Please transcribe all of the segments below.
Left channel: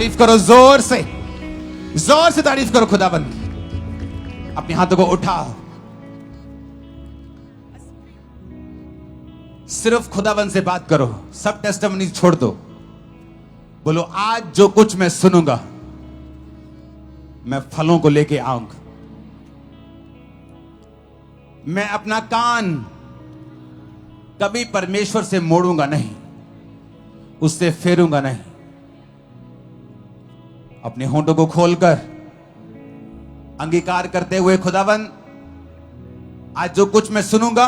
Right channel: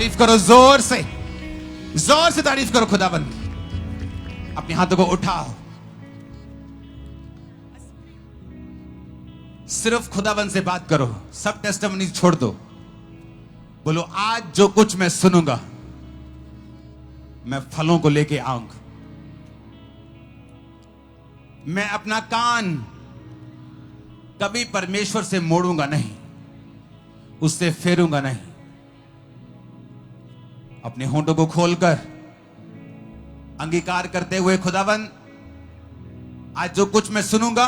तारीफ करो, जोर से तारीफ करो खुदाबंद। अपने हाथों को उठाओ, सिर्फ खुदाबंद से बात करो, सब टेस्टिमनी छोड़ दो। बोलो आज जो कुछ मैं सुनूंगा मैं फलों को लेके आऊंगा। मैं अपना कान कभी परमेश्वर से मोड़ूंगा नहीं, उससे फेरूंगा नहीं। अपने होंठों को खोलकर अंगीकार करते हुए खुदावन आज जो कुछ मैं सुनूंगा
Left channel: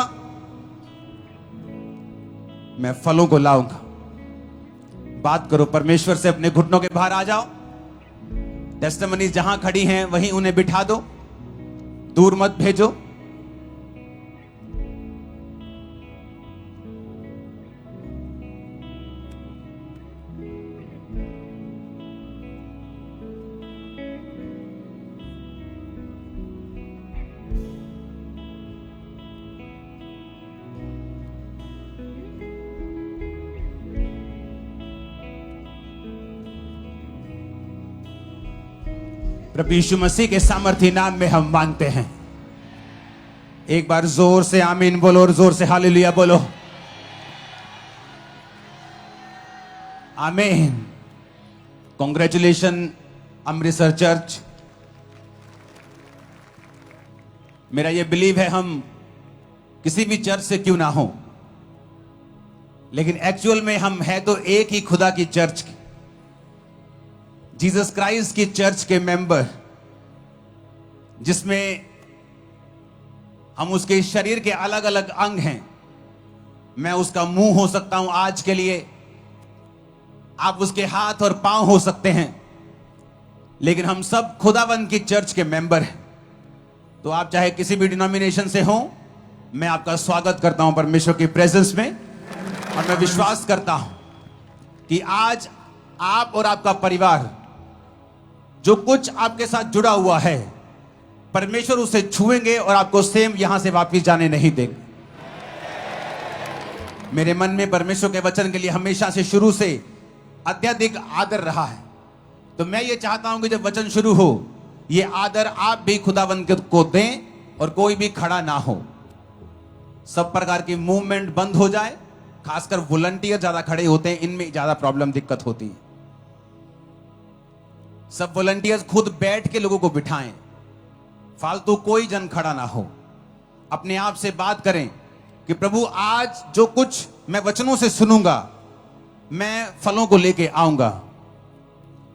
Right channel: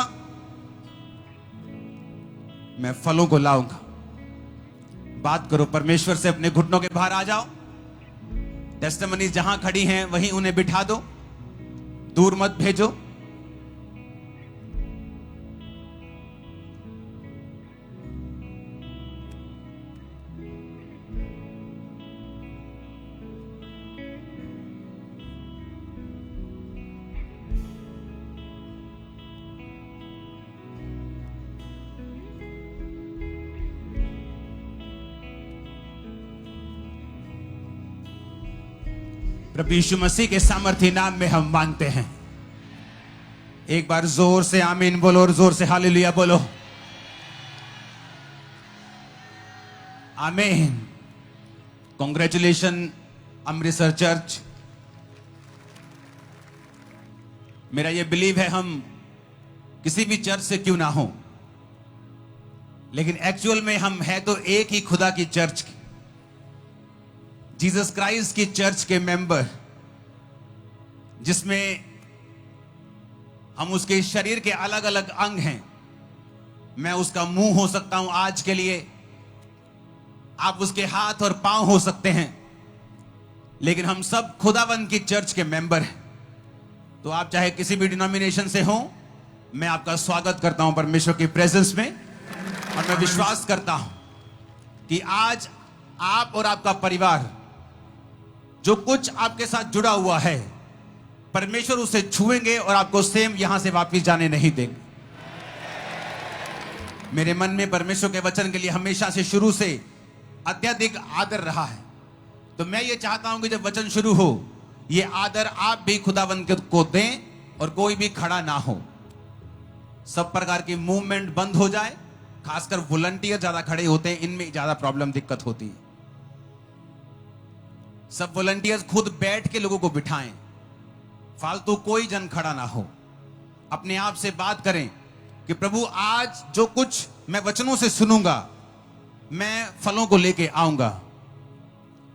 मैं फलों को लाऊंगा। बात करो परमेश्वर से, अपने घुटनों के बाहर आ जाओ। टेस्टिमनीज जहां खड़ी हैं वहीं उन्हें बिठा दो, दूर मत भेजो। प्रभु यीशु मसीह के सामर्थी नाम में हम मांगते हैं। एक बार जोर से आमीन बोलो और जोर से हालेलुया बोलो। आमीन। Congratulation Amritsar church. मेरा यह बिलीव है हम किसी भी चर्च से क्यों ना हो, लेकिन एक्चुअल में हम है तो एक ही खुदा की चर्च की, जीसस क्राइस्ट की चर्च के मेंबर, जिसमें हम उसके शरीर के अलग अलग अंग हैं। मैं उसका मुंह हो सकता हूं आज के लिए, आप उसके हाथ और पांव हो सकते हैं, लेकिन हम सब खुदावंद की चर्च के मेंबर हैं। तो आप चाहे किसी भी डिनोमिनेशन से हो, मैं आपका स्वागत करता हूं परमेश्वर की प्रेजेंस में। और मैं विश्वास करता हूं कि आज आप और आपका परिवार जो कुछ आपके साथ जुड़ा हुआ है, परमेश्वर उसे छुएंगे और आपको सेम यहां से वापस जाने नहीं देंगे। मेरे मन में परमेश्वर के वचन के लिए हमेशा से शुरू से अत्यधिक आदर रहा है। तो मैं ये चाहता हूं कि जब वचन शुरू हो, ये आदर आप भी खुदावंद को दें और कोई भी खड़ा ना हो। सब प्रकार की मूवमेंट बंद हो जाए। खासकर वॉलंटियर ज्यादा खड़े होते हैं, इनमें ज्यादा प्रॉब्लम दिक्कत होती है। सब वॉलंटियर्स खुद बैठ के लोगों को बिठाएं, फालतू कोई जन खड़ा ना हो। अपने आप से बात करें कि प्रभु आज जो कुछ मैं वचनों से सुनूंगा मैं फलों को लेके आऊंगा।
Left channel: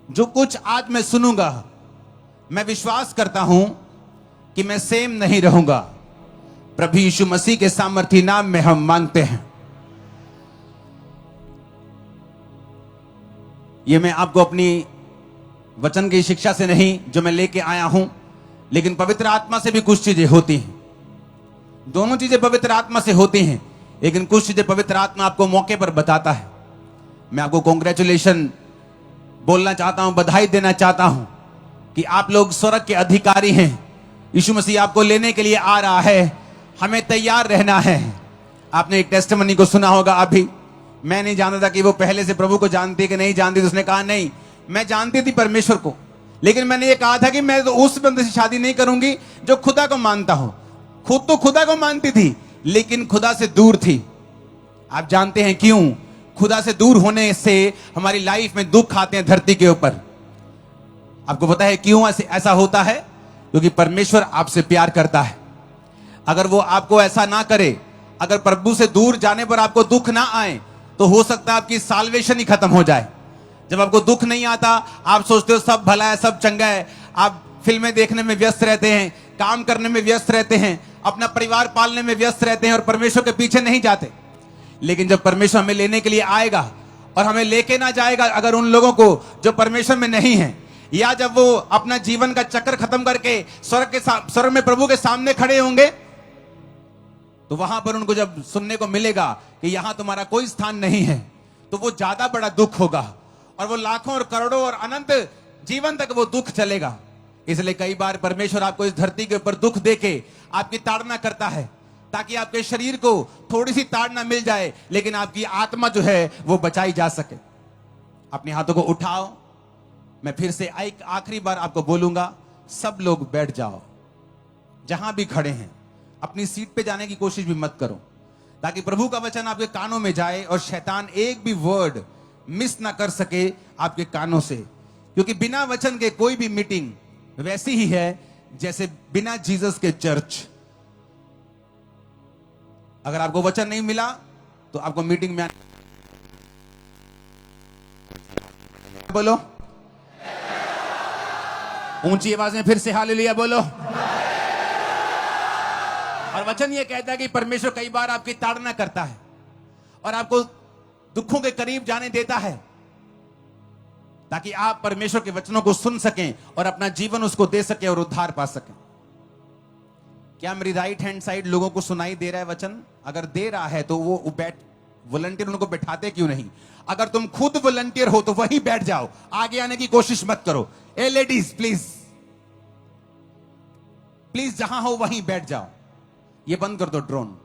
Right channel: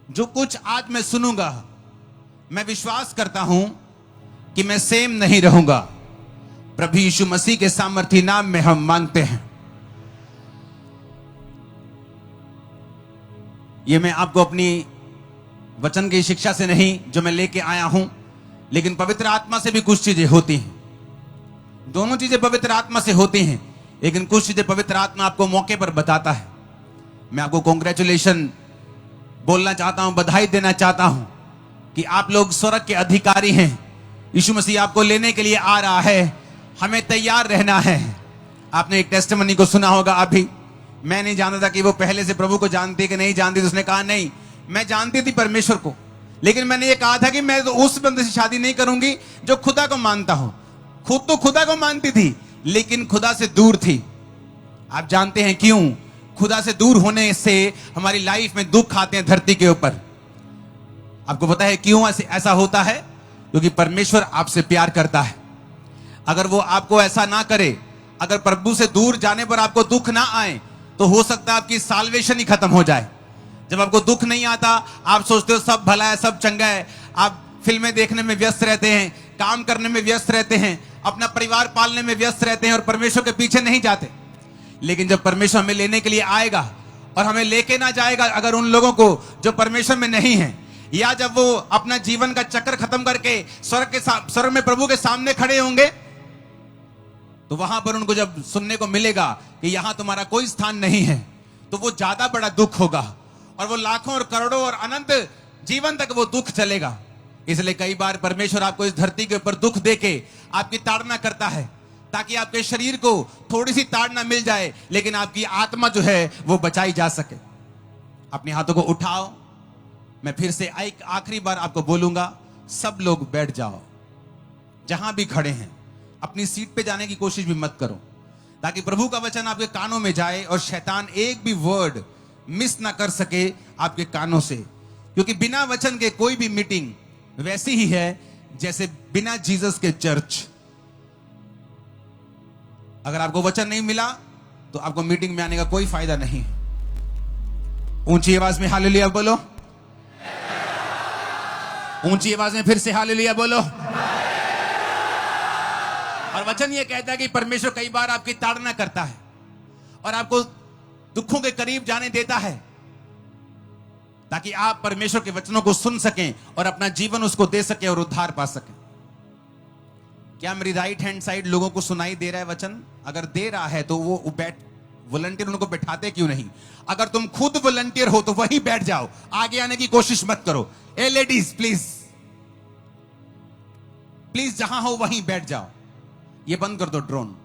जो कुछ आज मैं सुनूंगा मैं विश्वास करता हूं कि मैं सेम नहीं रहूंगा। प्रभु यीशु मसीह के सामर्थी नाम में हम मांगते हैं। ये मैं आपको अपनी वचन की शिक्षा से नहीं जो मैं लेके आया हूं, लेकिन पवित्र आत्मा से भी कुछ चीजें होती हैं। दोनों चीजें पवित्र आत्मा से होती हैं, लेकिन कुछ चीजें पवित्र आत्मा आपको मौके पर बताता है। मैं आपको कॉन्ग्रेचुलेशन बोलना चाहता हूं, बधाई देना चाहता हूं कि आप लोग स्वर्ग के अधिकारी हैं। यीशु मसीह आपको लेने के लिए आ रहा है, हमें तैयार रहना है। आपने एक टेस्टिमनी को सुना होगा अभी। मैं नहीं जानता था कि वो पहले से प्रभु को जानती है कि नहीं जानती। तो उसने कहा नहीं, मैं जानती थी परमेश्वर को, लेकिन मैंने ये कहा था कि मैं तो उस बंदे से शादी नहीं करूंगी जो खुदा को मानता हूं। खुद तो खुदा को मानती थी, लेकिन खुदा से दूर थी। आप जानते हैं क्यों? खुदा से दूर होने से हमारी लाइफ में दुख आते हैं धरती के ऊपर। आपको पता है क्यों ऐसा होता है? क्योंकि परमेश्वर आपसे प्यार करता है। अगर वो आपको ऐसा ना करे, अगर प्रभु से दूर जाने पर आपको दुख ना आए, तो हो सकता है आपकी साल्वेशन ही खत्म हो जाए। जब आपको दुख नहीं आता, आप सोचते हो सब भला है, सब चंगा है, आप फिल्में देखने में व्यस्त रहते हैं, काम करने में व्यस्त रहते हैं, अपना परिवार पालने में व्यस्त रहते हैं और परमेश्वर के पीछे नहीं जाते। लेकिन जब परमेश्वर हमें लेने के लिए आएगा और हमें लेके ना जाएगा अगर उन लोगों को जो परमेश्वर में नहीं है, या जब वो अपना जीवन का चक्कर खत्म करके स्वर्ग में प्रभु के सामने खड़े होंगे, तो वहां पर उनको जब सुनने को मिलेगा कि यहां तुम्हारा कोई स्थान नहीं है, तो वो ज्यादा बड़ा दुख होगा और वो लाखों और करोड़ों और अनंत जीवन तक वो दुख चलेगा। इसलिए कई बार परमेश्वर आपको इस धरती के ऊपर दुख देके आपकी ताड़ना करता है, ताकि आपके शरीर को थोड़ी सी ताड़ना मिल जाए, लेकिन आपकी आत्मा जो है वो बचाई जा सके। अपने हाथों को उठाओ मैं फिर से एक आखिरी बार आपको बोलूंगा, सब लोग बैठ जाओ, जहां भी खड़े हैं। अपनी सीट पे जाने की कोशिश भी मत करो, ताकि प्रभु का वचन आपके कानों में जाए और शैतान एक भी वर्ड मिस ना कर सके आपके कानों से। क्योंकि बिना वचन के कोई भी मीटिंग वैसी ही है जैसे बिना जीसस के चर्च। अगर आपको वचन नहीं मिला तो आपको मीटिंग में आने का कोई फायदा नहीं। ऊंची आवाज में हालेलुया बोलो, ऊंची आवाज में फिर से हालेलुया बोलो। और वचन ये कहता है कि परमेश्वर कई बार आपकी ताड़ना करता है और आपको दुखों के करीब जाने देता है, ताकि आप परमेश्वर के वचनों को सुन सकें और अपना जीवन उसको दे सकें और उद्धार पा सकें। क्या मेरी राइट हैंड साइड लोगों को सुनाई दे रहा है वचन? अगर दे रहा है तो वो वॉलंटियर उनको बैठाते क्यों नहीं? अगर तुम खुद वॉलंटियर हो तो वहीं बैठ जाओ, आगे आने की कोशिश मत करो। ए लेडीज प्लीज प्लीज, जहां हो वहीं बैठ जाओ। ये बंद कर दो ड्रोन।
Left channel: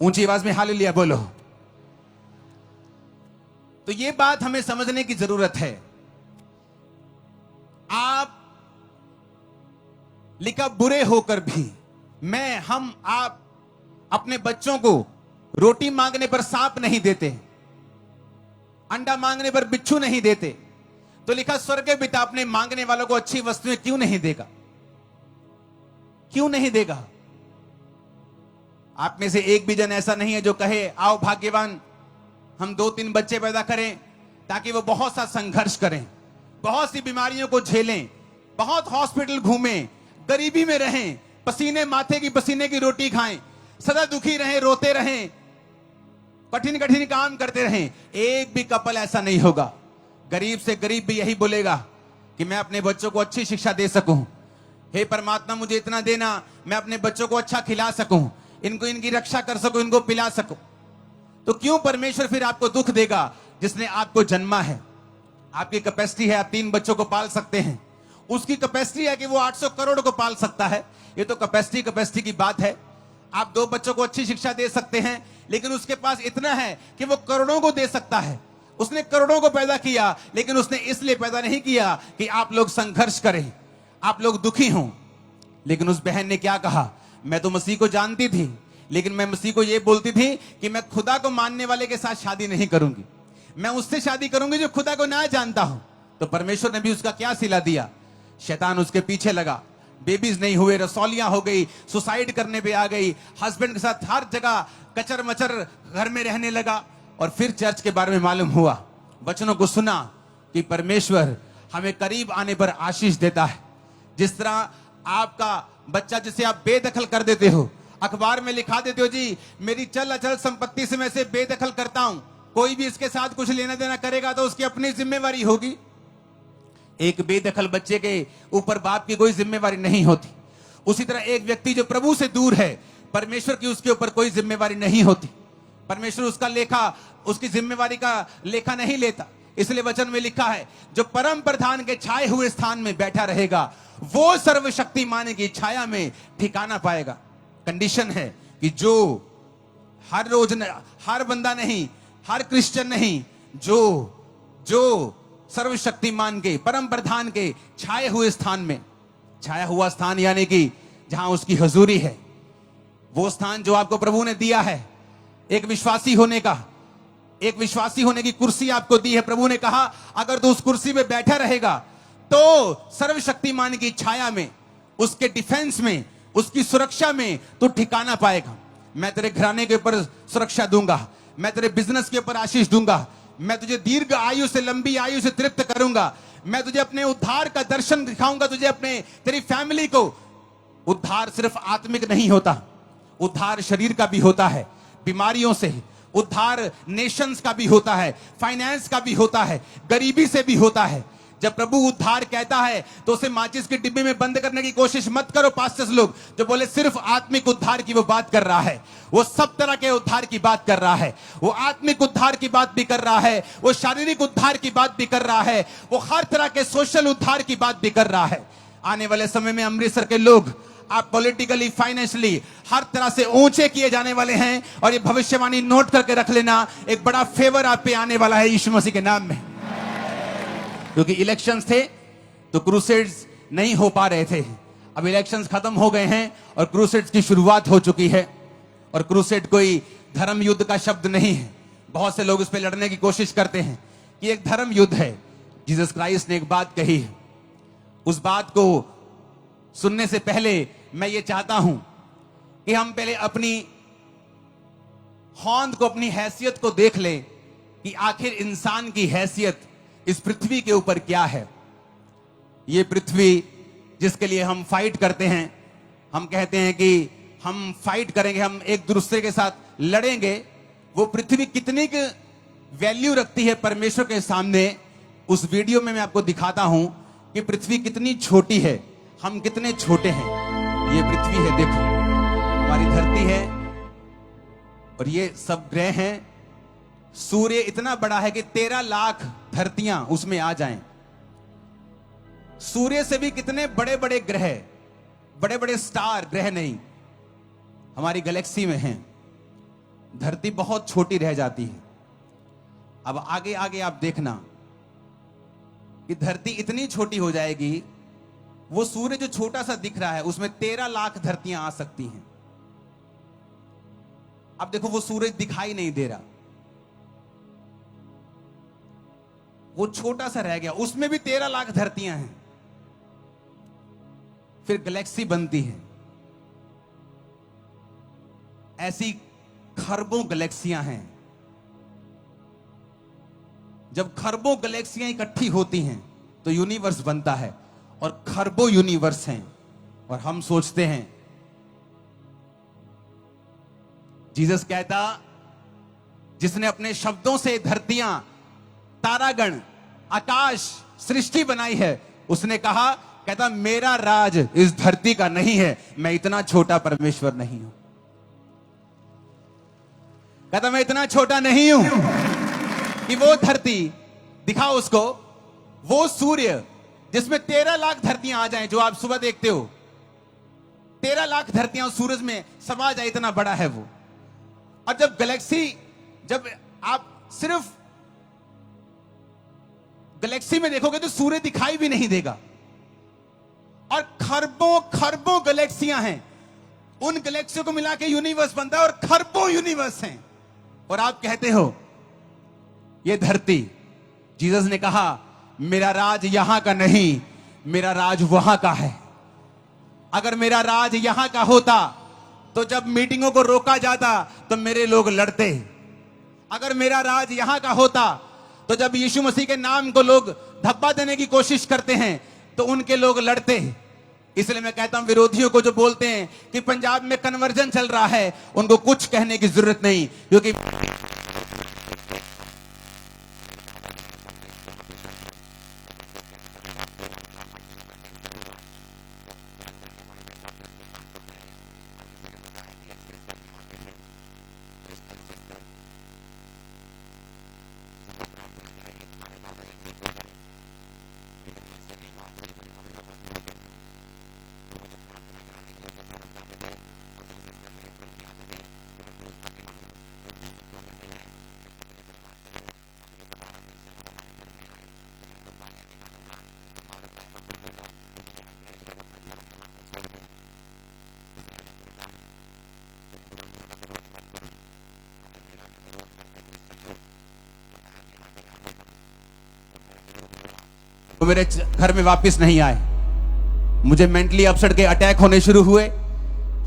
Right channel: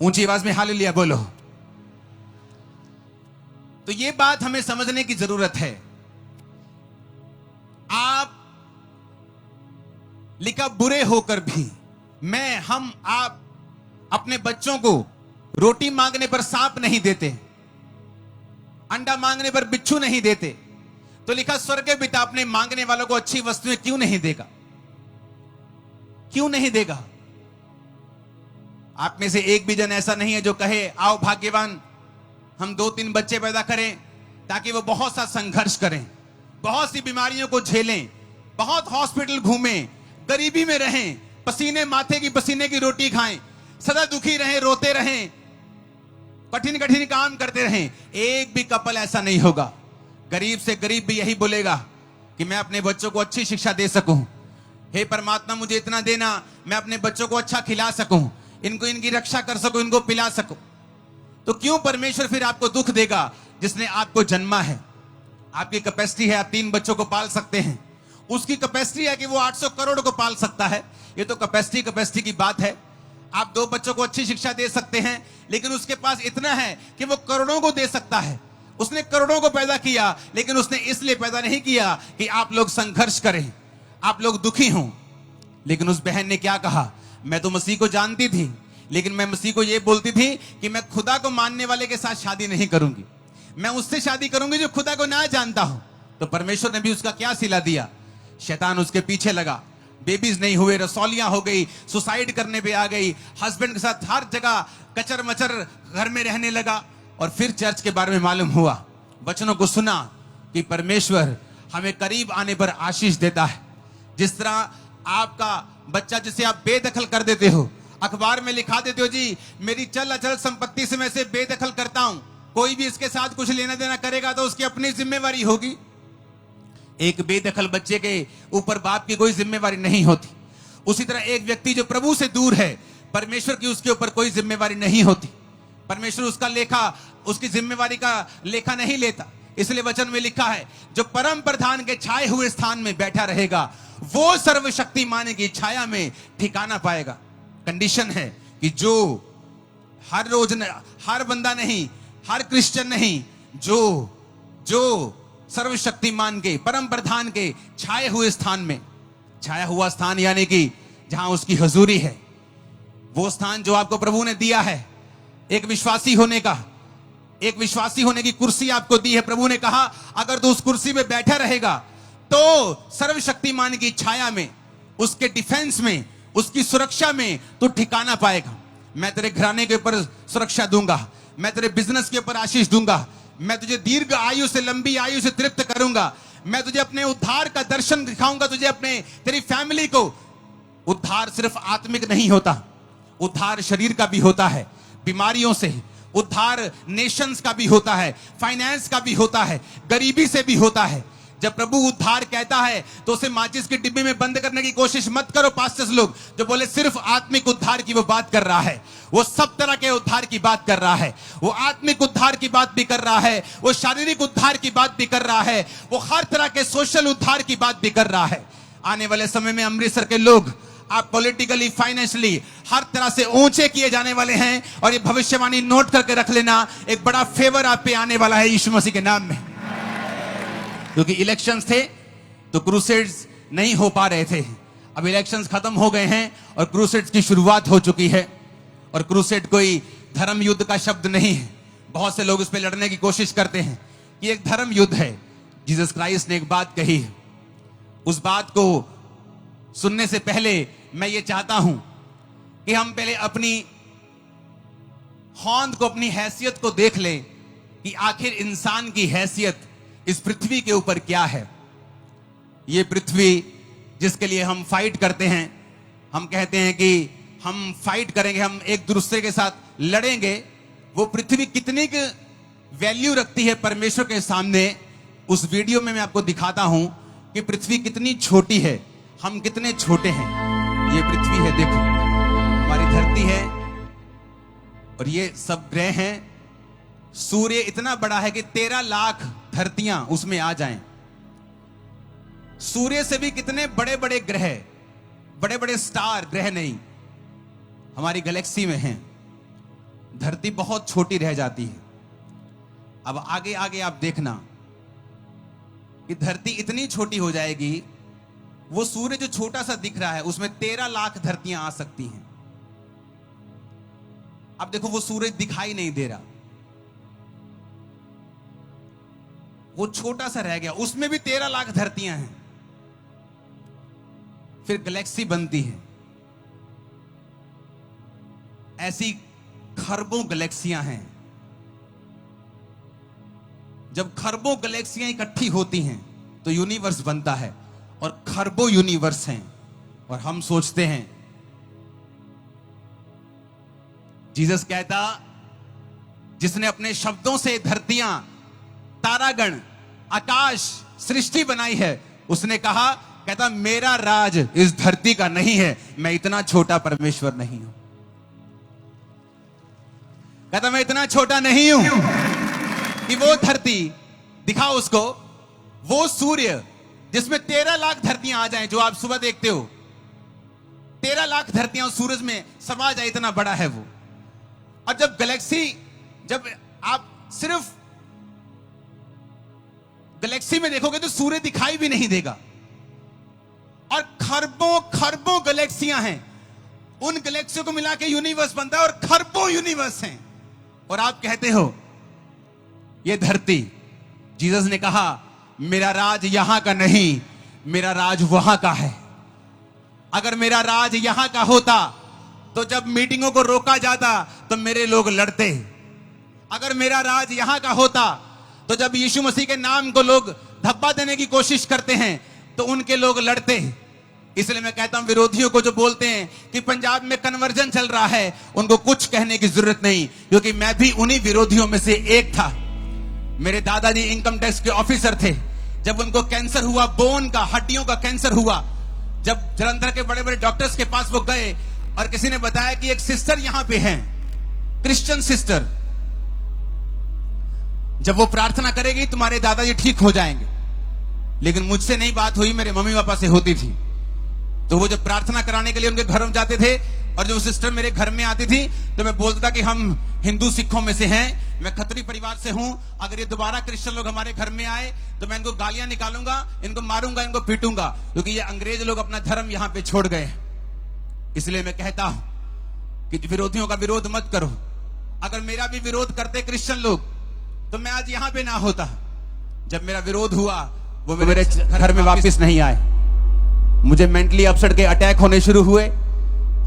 ऊंची आवाज में हालेलुया बोलो। तो ये बात हमें समझने की जरूरत है। आप लिखा बुरे होकर भी, मैं, हम, आप अपने बच्चों को रोटी मांगने पर सांप नहीं देते, अंडा मांगने पर बिच्छू नहीं देते। तो लिखा स्वर्ग के पिता अपने मांगने वालों को अच्छी वस्तुएं क्यों नहीं देगा? क्यों नहीं देगा? आप में से एक भी जन ऐसा नहीं है जो कहे आओ भाग्यवान हम 2-3 बच्चे पैदा करें, ताकि वो बहुत सा संघर्ष करें, बहुत सी बीमारियों को झेलें, बहुत हॉस्पिटल घूमें, गरीबी में रहें, पसीने माथे की पसीने की रोटी खाएं, सदा दुखी रहें, रोते रहें, कठिन कठिन काम करते रहें। एक भी कपल ऐसा नहीं होगा। गरीब से गरीब भी यही बोलेगा कि मैं अपने बच्चों को अच्छी शिक्षा दे सकूं, हे परमात्मा मुझे इतना देना, मैं अपने बच्चों को अच्छा खिला सकूं, इनको इनकी रक्षा कर सकूं, इनको पिला सकूं। तो क्यों परमेश्वर फिर आपको दुख देगा जिसने आपको जन्मा है? आपकी कैपेसिटी है, आप 3 बच्चों को पाल सकते हैं। उसकी कैपेसिटी है कि वो 800 करोड़ को पाल सकता है। ये तो कैपेसिटी की बात है। आप 2 बच्चों को अच्छी शिक्षा दे सकते हैं, लेकिन उसके पास इतना है कि वो करोड़ों को दे सकता है। उसने करोड़ों को पैदा किया, लेकिन उसने इसलिए पैदा नहीं किया कि आप लोग संघर्ष करें, आप लोग दुखी हों। लेकिन उस बहन ने क्या कहा? मैं तो मसीह को जानती थी, लेकिन मैं मसीह को यह बोलती थी कि मैं खुदा को मानने वाले के साथ शादी नहीं करूंगी, मैं उससे शादी करूंगी जो खुदा को ना जानता हूं। तो परमेश्वर ने भी उसका क्या सिला दिया? शैतान उसके पीछे लगा, बेबीज नहीं हुए, रसौलियां हो गई, सुसाइड करने पे आ गई, हस्बैंड के साथ हर जगह कचर मचर घर में रहने लगा। और फिर चर्च के बारे में मालूम हुआ, वचनों को सुना कि परमेश्वर हमें करीब आने पर आशीष देता है। जिस तरह आपका बच्चा जिसे आप बेदखल कर देते हो, अखबार में लिखा देते हो जी मेरी चल अचल संपत्ति से मैं इसे बेदखल करता हूं, कोई भी इसके साथ कुछ लेना देना करेगा तो उसकी अपनी जिम्मेवारी होगी। एक बेदखल बच्चे के ऊपर बाप की कोई जिम्मेवारी नहीं होती। उसी तरह एक व्यक्ति जो प्रभु से दूर है, परमेश्वर की उसके ऊपर कोई जिम्मेवारी नहीं होती। परमेश्वर उसका लेखा, उसकी जिम्मेवारी का लेखा नहीं लेता। इसलिए वचन में लिखा है जो परम प्रधान के छाए हुए स्थान में बैठा रहेगा वो सर्वशक्तिमान की छाया में ठिकाना पाएगा। कंडीशन है कि जो हर रोज हर बंदा नहीं, हर क्रिश्चियन नहीं, जो सर्वशक्तिमान के परम प्रधान के छाए हुए स्थान में, छाया हुआ स्थान यानी कि जहां उसकी हजूरी है, वो स्थान जो आपको प्रभु ने दिया है, एक विश्वासी होने का, एक विश्वासी होने की कुर्सी आपको दी है। प्रभु ने कहा अगर तू उस कुर्सी में बैठा रहेगा तो सर्वशक्तिमान की छाया में, उसके डिफेंस में, उसकी सुरक्षा में तू ठिकाना पाएगा। मैं तेरे घराने के ऊपर सुरक्षा दूंगा, मैं तेरे बिजनेस के ऊपर आशीष दूंगा, मैं तुझे दीर्घ आयु से, लंबी आयु से तृप्त करूंगा, मैं तुझे अपने उद्धार का दर्शन दिखाऊंगा, तुझे अपने तेरी फैमिली को। उद्धार सिर्फ आत्मिक नहीं होता, उद्धार शरीर का भी होता है, बीमारियों से उद्धार नेशंस का भी होता है, फाइनेंस का भी होता है, गरीबी से भी होता है। जब प्रभु उद्धार कहता है तो उसे माचिस की डिब्बी में बंद करने की कोशिश मत करो। पास्टर्स लोग जो बोले सिर्फ आत्मिक उद्धार की वो बात कर रहा है, वो सब तरह के उद्धार की बात कर रहा है। वो आत्मिक उद्धार की बात भी कर रहा है, वो शारीरिक उद्धार की बात भी कर रहा है, वो हर तरह के सोशल उद्धार की बात भी कर रहा है। आने वाले समय में अमृतसर के लोग आप पॉलिटिकली, फाइनेंशियली हर तरह से ऊंचे किए जाने वाले हैं। और ये भविष्यवाणी नोट करके रख लेना, एक बड़ा फेवर आप पे आने वाला है यीशु मसीह के नाम में। क्योंकि इलेक्शंस थे तो क्रूसेड्स नहीं हो पा रहे थे। अब इलेक्शंस खत्म हो गए हैं और क्रूसेड्स की शुरुआत हो चुकी है। और क्रूसेड कोई धर्म युद्ध का शब्द नहीं है। बहुत से लोग इस पे लड़ने की कोशिश करते हैं कि एक धर्म युद्ध है। जीसस क्राइस्ट ने एक बात कही है, उस बात को सुनने से पहले मैं ये चाहता हूं कि हम पहले अपनी होंद को, अपनी हैसियत को देख लें कि आखिर इंसान की हैसियत इस पृथ्वी के ऊपर क्या है। ये पृथ्वी जिसके लिए हम फाइट करते हैं, हम कहते हैं कि हम फाइट करेंगे, हम एक दूसरे के साथ लड़ेंगे, वो पृथ्वी कितनी की वैल्यू रखती है परमेश्वर के सामने। उस वीडियो में मैं आपको दिखाता हूं कि पृथ्वी कितनी छोटी है, हम कितने छोटे हैं। ये पृथ्वी है, देखो हमारी धरती है और ये सब ग्रह हैं। सूर्य इतना बड़ा है कि 13 लाख धरतियां उसमें आ जाएं। सूर्य से भी कितने बड़े बड़े ग्रह, बड़े बड़े स्टार, ग्रह नहीं, हमारी गैलेक्सी में हैं। धरती बहुत छोटी रह जाती है। अब आगे आगे आप देखना कि धरती इतनी छोटी हो जाएगी, वो सूर्य जो छोटा सा दिख रहा है उसमें 13 लाख धरतियां आ सकती हैं। अब देखो वो सूरज दिखाई नहीं दे रहा, वो छोटा सा रह गया, उसमें भी 13 लाख धरतियां हैं। फिर गैलेक्सी बनती है, ऐसी खरबों गैलेक्सियां हैं। जब खरबों गैलेक्सियां इकट्ठी होती हैं तो यूनिवर्स बनता है, और खरबों यूनिवर्स हैं। और हम सोचते हैं, जीसस कहता, जिसने अपने शब्दों से धरतियां, तारागण, आकाश, सृष्टि बनाई है, उसने कहा, कहता मेरा राज इस धरती का नहीं है, मैं इतना छोटा परमेश्वर नहीं हूं। कहता मैं इतना छोटा नहीं हूं कि वो धरती, दिखाओ उसको, वो सूर्य जिसमें 13 लाख धरतियां आ जाएं, जो आप सुबह देखते हो, 13 लाख धरतियां सूरज में समा जाए, इतना बड़ा है वो। और जब गैलेक्सी, जब आप सिर्फ गैलेक्सी में देखोगे तो सूर्य दिखाई भी नहीं देगा। और खरबों खरबों गैलेक्सियां हैं, उन गैलेक्सियों को मिला के यूनिवर्स बनता है, और खरबों यूनिवर्स हैं। और आप कहते हो ये धरती, जीसस ने कहा मेरा राज यहां का नहीं, मेरा राज वहां का है। अगर मेरा राज यहां का होता तो जब मीटिंगों को रोका जाता तो मेरे लोग लड़ते। अगर मेरा राज यहां का होता तो जब यीशु मसीह के नाम को लोग धब्बा देने की कोशिश करते हैं तो उनके लोग लड़ते। इसलिए मैं कहता हूं, विरोधियों को जो बोलते हैं कि पंजाब में कन्वर्जन चल रहा है, उनको कुछ कहने की जरूरत नहीं, क्योंकि मैं भी उन्हीं विरोधियों में से एक था। मेरे दादाजी इनकम टैक्स के ऑफिसर थे। जब उनको कैंसर हुआ, बोन का, हड्डियों का कैंसर हुआ, जब जलंधर के बड़े बड़े डॉक्टर्स के पास वो गए और किसी ने बताया कि एक सिस्टर यहां पे हैं, क्रिश्चियन सिस्टर, जब वो प्रार्थना करेगी तुम्हारे दादाजी ठीक हो जाएंगे। लेकिन मुझसे नहीं बात हुई, मेरे मम्मी पापा से होती थी। तो वो जब प्रार्थना कराने के लिए उनके घर में जाते थे और जब वो सिस्टर मेरे घर में आती थी तो मैं बोलता था कि हम हिंदू सिखों में से हैं, मैं खत्री परिवार से हूं, अगर ये दोबारा क्रिश्चियन लोग हमारे घर में आए तो मैं इनको गालियां निकालूंगा, इनको मारूंगा, इनको पीटूंगा, क्योंकि ये अंग्रेज लोग अपना धर्म यहां पे छोड़ गए। इसलिए मैं कहता हूं कि विरोधियों का विरोध मत करो। अगर मेरा भी विरोध करते क्रिश्चियन लोग तो मैं आज यहां पे ना होता। जब मेरा विरोध हुआ वो मेरे घर में वापस नहीं आए। मुझे मेंटली अपसेट के अटैक होने शुरू हुए।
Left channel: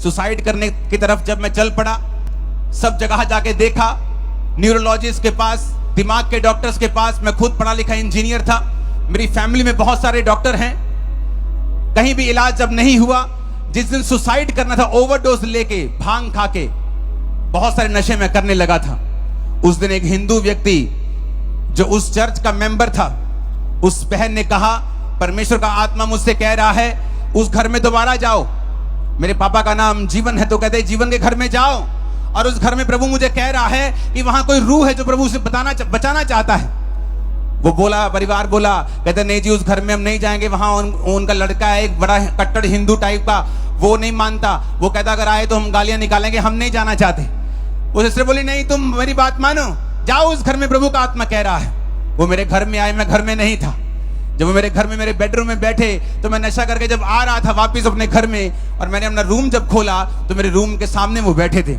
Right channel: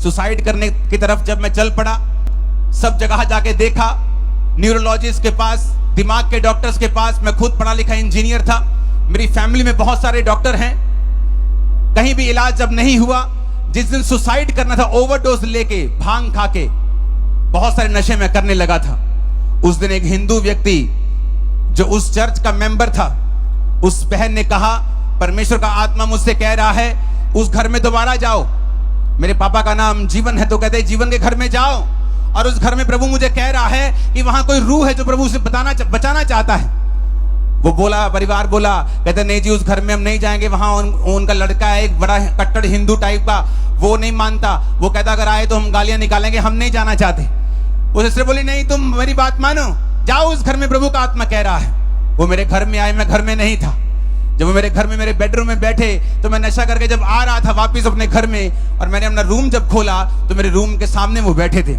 सुसाइड करने की तरफ जब मैं चल पड़ा, सब जगह जाके देखा, न्यूरोलॉजिस्ट के पास, दिमाग के डॉक्टर्स के पास। मैं खुद पढ़ा लिखा इंजीनियर था, मेरी फैमिली में बहुत सारे डॉक्टर हैं, कहीं भी इलाज जब नहीं हुआ। जिस दिन सुसाइड करना था, ओवरडोज लेके, भांग खा के, बहुत सारे नशे में करने लगा था, उस दिन एक हिंदू व्यक्ति जो उस चर्च का मेंबर था, उस बहन ने कहा, परमेश्वर का आत्मा मुझसे कह रहा है उस घर में दोबारा जाओ। मेरे पापा का नाम जीवन है, तो कहते जीवन के घर में जाओ, और उस घर में प्रभु मुझे कह रहा है कि वहां कोई रूह है जो प्रभु उसे बचाना चाहता है। वो बोला, परिवार बोला, कहते नहीं जी उस घर में हम नहीं जाएंगे, वहां उनका लड़का है एक बड़ा कट्टर हिंदू टाइप का, वो नहीं मानता, वो कहता अगर आए तो हम गालियां निकालेंगे, हम नहीं जाना चाहते। वो सिस्टर बोली नहीं तुम मेरी बात मानो, जाओ उस घर में प्रभु का आत्मा कह रहा है। वो मेरे घर में आए, मैं घर में नहीं था। जब वो मेरे घर में मेरे बेडरूम में बैठे तो मैं नशा करके जब आ रहा था वापस अपने घर में, और मैंने अपना रूम जब खोला तो मेरे रूम के सामने वो बैठे थे।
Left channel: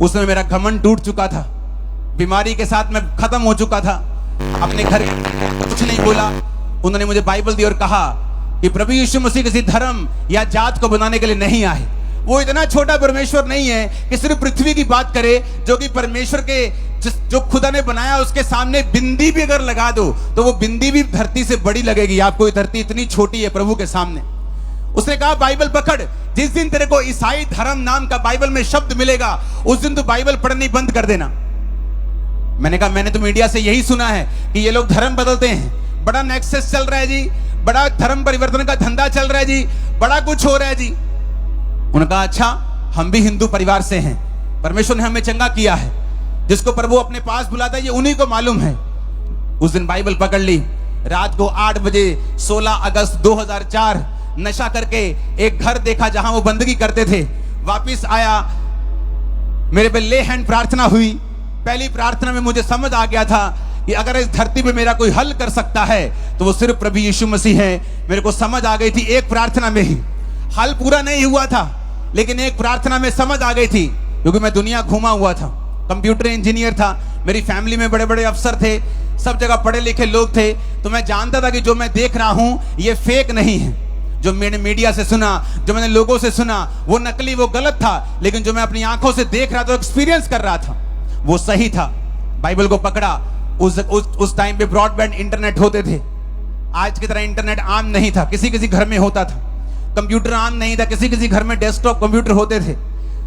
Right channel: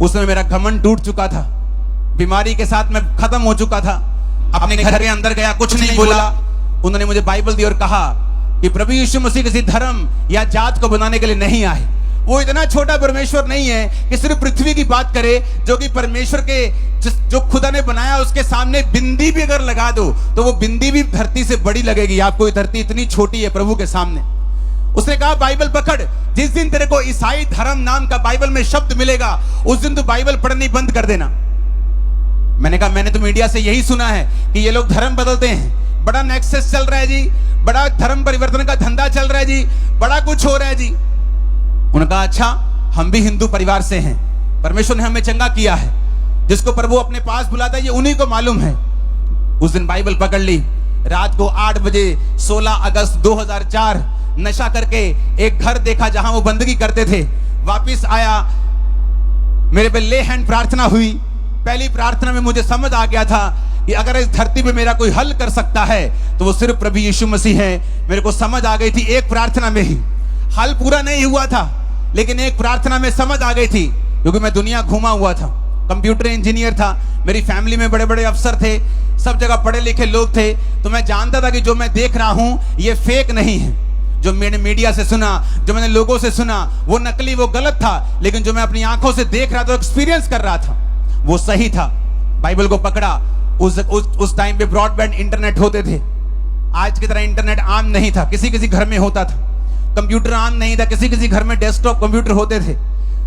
उसमें मेरा घमंड टूट चुका था, बीमारी के साथ मैं खत्म हो चुका था। अपने घर के अंदर गया, कुछ नहीं बोला। उन्होंने मुझे बाइबल दी और कहा कि प्रभु यीशु मसीह किसी धर्म या जात को बनाने के लिए नहीं आए। वो इतना छोटा परमेश्वर नहीं है कि सिर्फ पृथ्वी की बात करे, जो कि परमेश्वर के जो खुदा ने बनाया उसके सामने बिंदी भी अगर लगा दो तो वो बिंदी भी धरती से बड़ी लगेगी। आपको ये धरती इतनी छोटी है प्रभु के सामने। उसने कहा बाइबल पकड़, जिस दिन तेरे को ईसाई धर्म नाम का बाइबल में शब्द मिलेगा उस दिन तू बाइबल पढ़नी बंद कर देना। मैंने कहा मैंने तो मीडिया से यही सुना है कि ये लोग धर्म बदलते हैं, बड़ा नेक्सस चल रहा है जी, बड़ा धर्म परिवर्तन का धंधा चल रहा है जी, बड़ा कुछ हो रहा है जी। उन्होंने कहा अच्छा, हम भी हिंदू परिवार से हैं, परमेश्वर ने हमें चंगा किया है, जिसको प्रभु अपने पास बुलाता है ये उन्हीं को मालूम है। उस दिन बाइबल पकड़ ली, रात को 8 बजे 16 अगस्त 2004 नशा करके एक घर देखा जहां वो बंदगी करते थे। वापिस आया, मेरे पे ले हैंड प्रार्थना हुई। पहली प्रार्थना में मुझे समझ आ गया था कि अगर इस धरती पे मेरा कोई हल कर सकता है तो वो सिर्फ प्रभु यीशु मसीह है। मेरे को समझ आ गई थी एक प्रार्थना में ही, हल पूरा नहीं हुआ था लेकिन एक प्रार्थना में समझ आ गई थी, क्योंकि मैं दुनिया घूमा हुआ था, कंप्यूटर इंजीनियर था, मेरी फैमिली में बड़े बड़े अफसर थे, सब जगह पढ़े लिखे लोग थे। तो मैं जानता था कि जो मैं देख रहा हूं ये फेक नहीं है। जो मैंने मीडिया से सुना, जो मैंने लोगों से सुना, वो नकली, वो गलत था, लेकिन जो मैं अपनी आंखों से देख रहा था, एक्सपीरियंस कर रहा था, वो सही था। बाइबल को पकड़ा। उस टाइम पे ब्रॉडबैंड इंटरनेट होते थे, आज की तरह इंटरनेट आम नहीं था, किसी किसी घर में होता था। कंप्यूटर आम नहीं था, किसी किसी घर में डेस्कटॉप कंप्यूटर होते थे।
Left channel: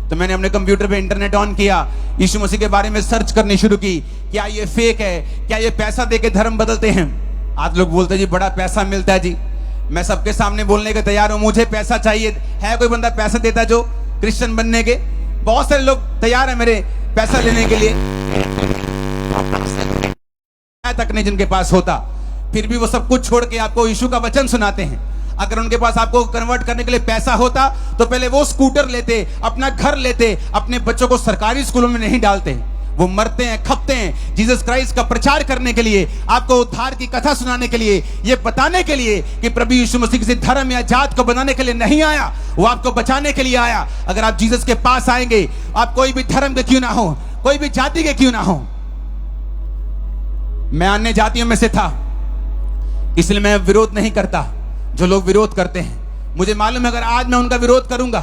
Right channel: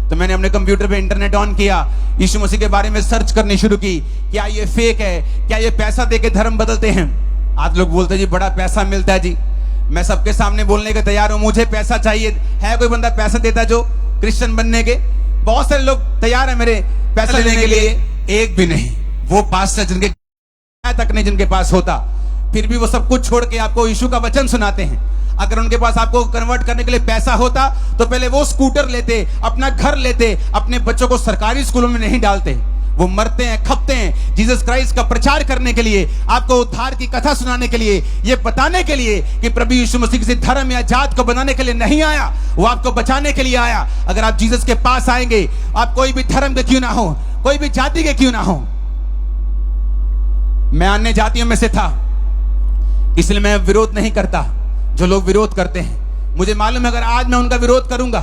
तो मैंने अपने कंप्यूटर पे इंटरनेट ऑन किया, यीशु मसीह के बारे में सर्च करनी शुरू की। क्या ये फेक है? क्या ये पैसा देके धर्म बदलते हैं? आज लोग बोलते हैं जी बड़ा पैसा मिलता है जी। मैं सबके सामने बोलने के तैयार हूं, मुझे पैसा चाहिए। है कोई बंदा पैसा देता जो क्रिश्चियन बनने के? बहुत सारे लोग तैयार है मेरे पैसा लेने के लिए, एक भी नहीं। वो पास्टर जिनके तक नहीं जिनके पास होता, फिर भी वो सब कुछ छोड़ के आपको यीशु का वचन सुनाते हैं। अगर उनके पास आपको कन्वर्ट करने के लिए पैसा होता तो पहले वो स्कूटर लेते, अपना घर लेते, अपने बच्चों को सरकारी स्कूलों में नहीं डालते। वो मरते हैं, खपते हैं जीसस क्राइस्ट का प्रचार करने के लिए, आपको उद्धार की कथा सुनाने के लिए, ये बताने के लिए कि प्रभु यीशु मसीह किसी धर्म या जात को बनाने के लिए नहीं आया, वो आपको बचाने के लिए आया। अगर आप जीसस के पास आएंगे, आप कोई भी धर्म के क्यों ना हो, कोई भी जाति के क्यों ना हो। मैं अन्य जातियों में से था, इसलिए मैं विरोध नहीं करता जो लोग विरोध करते हैं। मुझे मालूम है अगर आज मैं उनका विरोध करूंगा,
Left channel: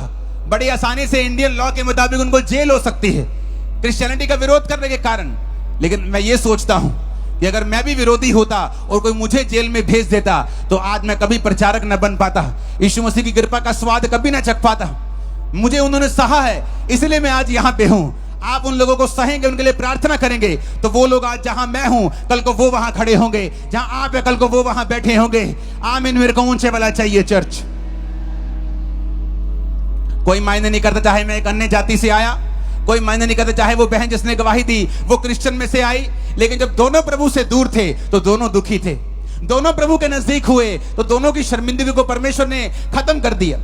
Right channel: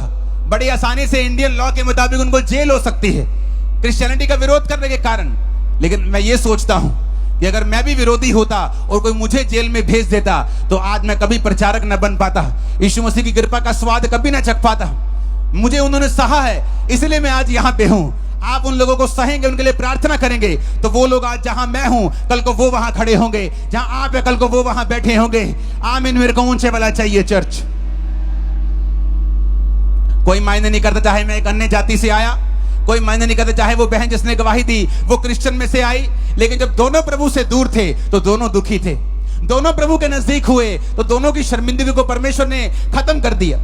बड़ी आसानी से इंडियन लॉ के मुताबिक उनको जेल हो सकती है क्रिश्चियनिटी का विरोध करने के कारण। लेकिन मैं ये सोचता हूं कि अगर मैं भी विरोधी होता और कोई मुझे जेल में भेज देता तो आज मैं कभी प्रचारक न बन पाता, यीशु मसीह की कृपा का स्वाद कभी ना चख पाता। मुझे उन्होंने सहा है, इसलिए मैं आज यहां पे हूं। आप उन लोगों को सहेंगे, उनके लिए प्रार्थना करेंगे तो वो लोग आज जहां मैं हूं कल को वो वहां खड़े होंगे, जहां आप है कल को वो वहां बैठे होंगे। आमीन। मेरे को ऊंचे वाला चाहिए चर्च। कोई मायने नहीं करता चाहे मैं एक अन्य जाति से आया, कोई मायने नहीं करता चाहे वो बहन जिसने गवाही दी वो क्रिश्चियन में से आई। लेकिन जब दोनों प्रभु से दूर थे तो दोनों दुखी थे। दोनों प्रभु के नजदीक हुए तो दोनों की शर्मिंदगी को परमेश्वर ने खत्म कर दिया।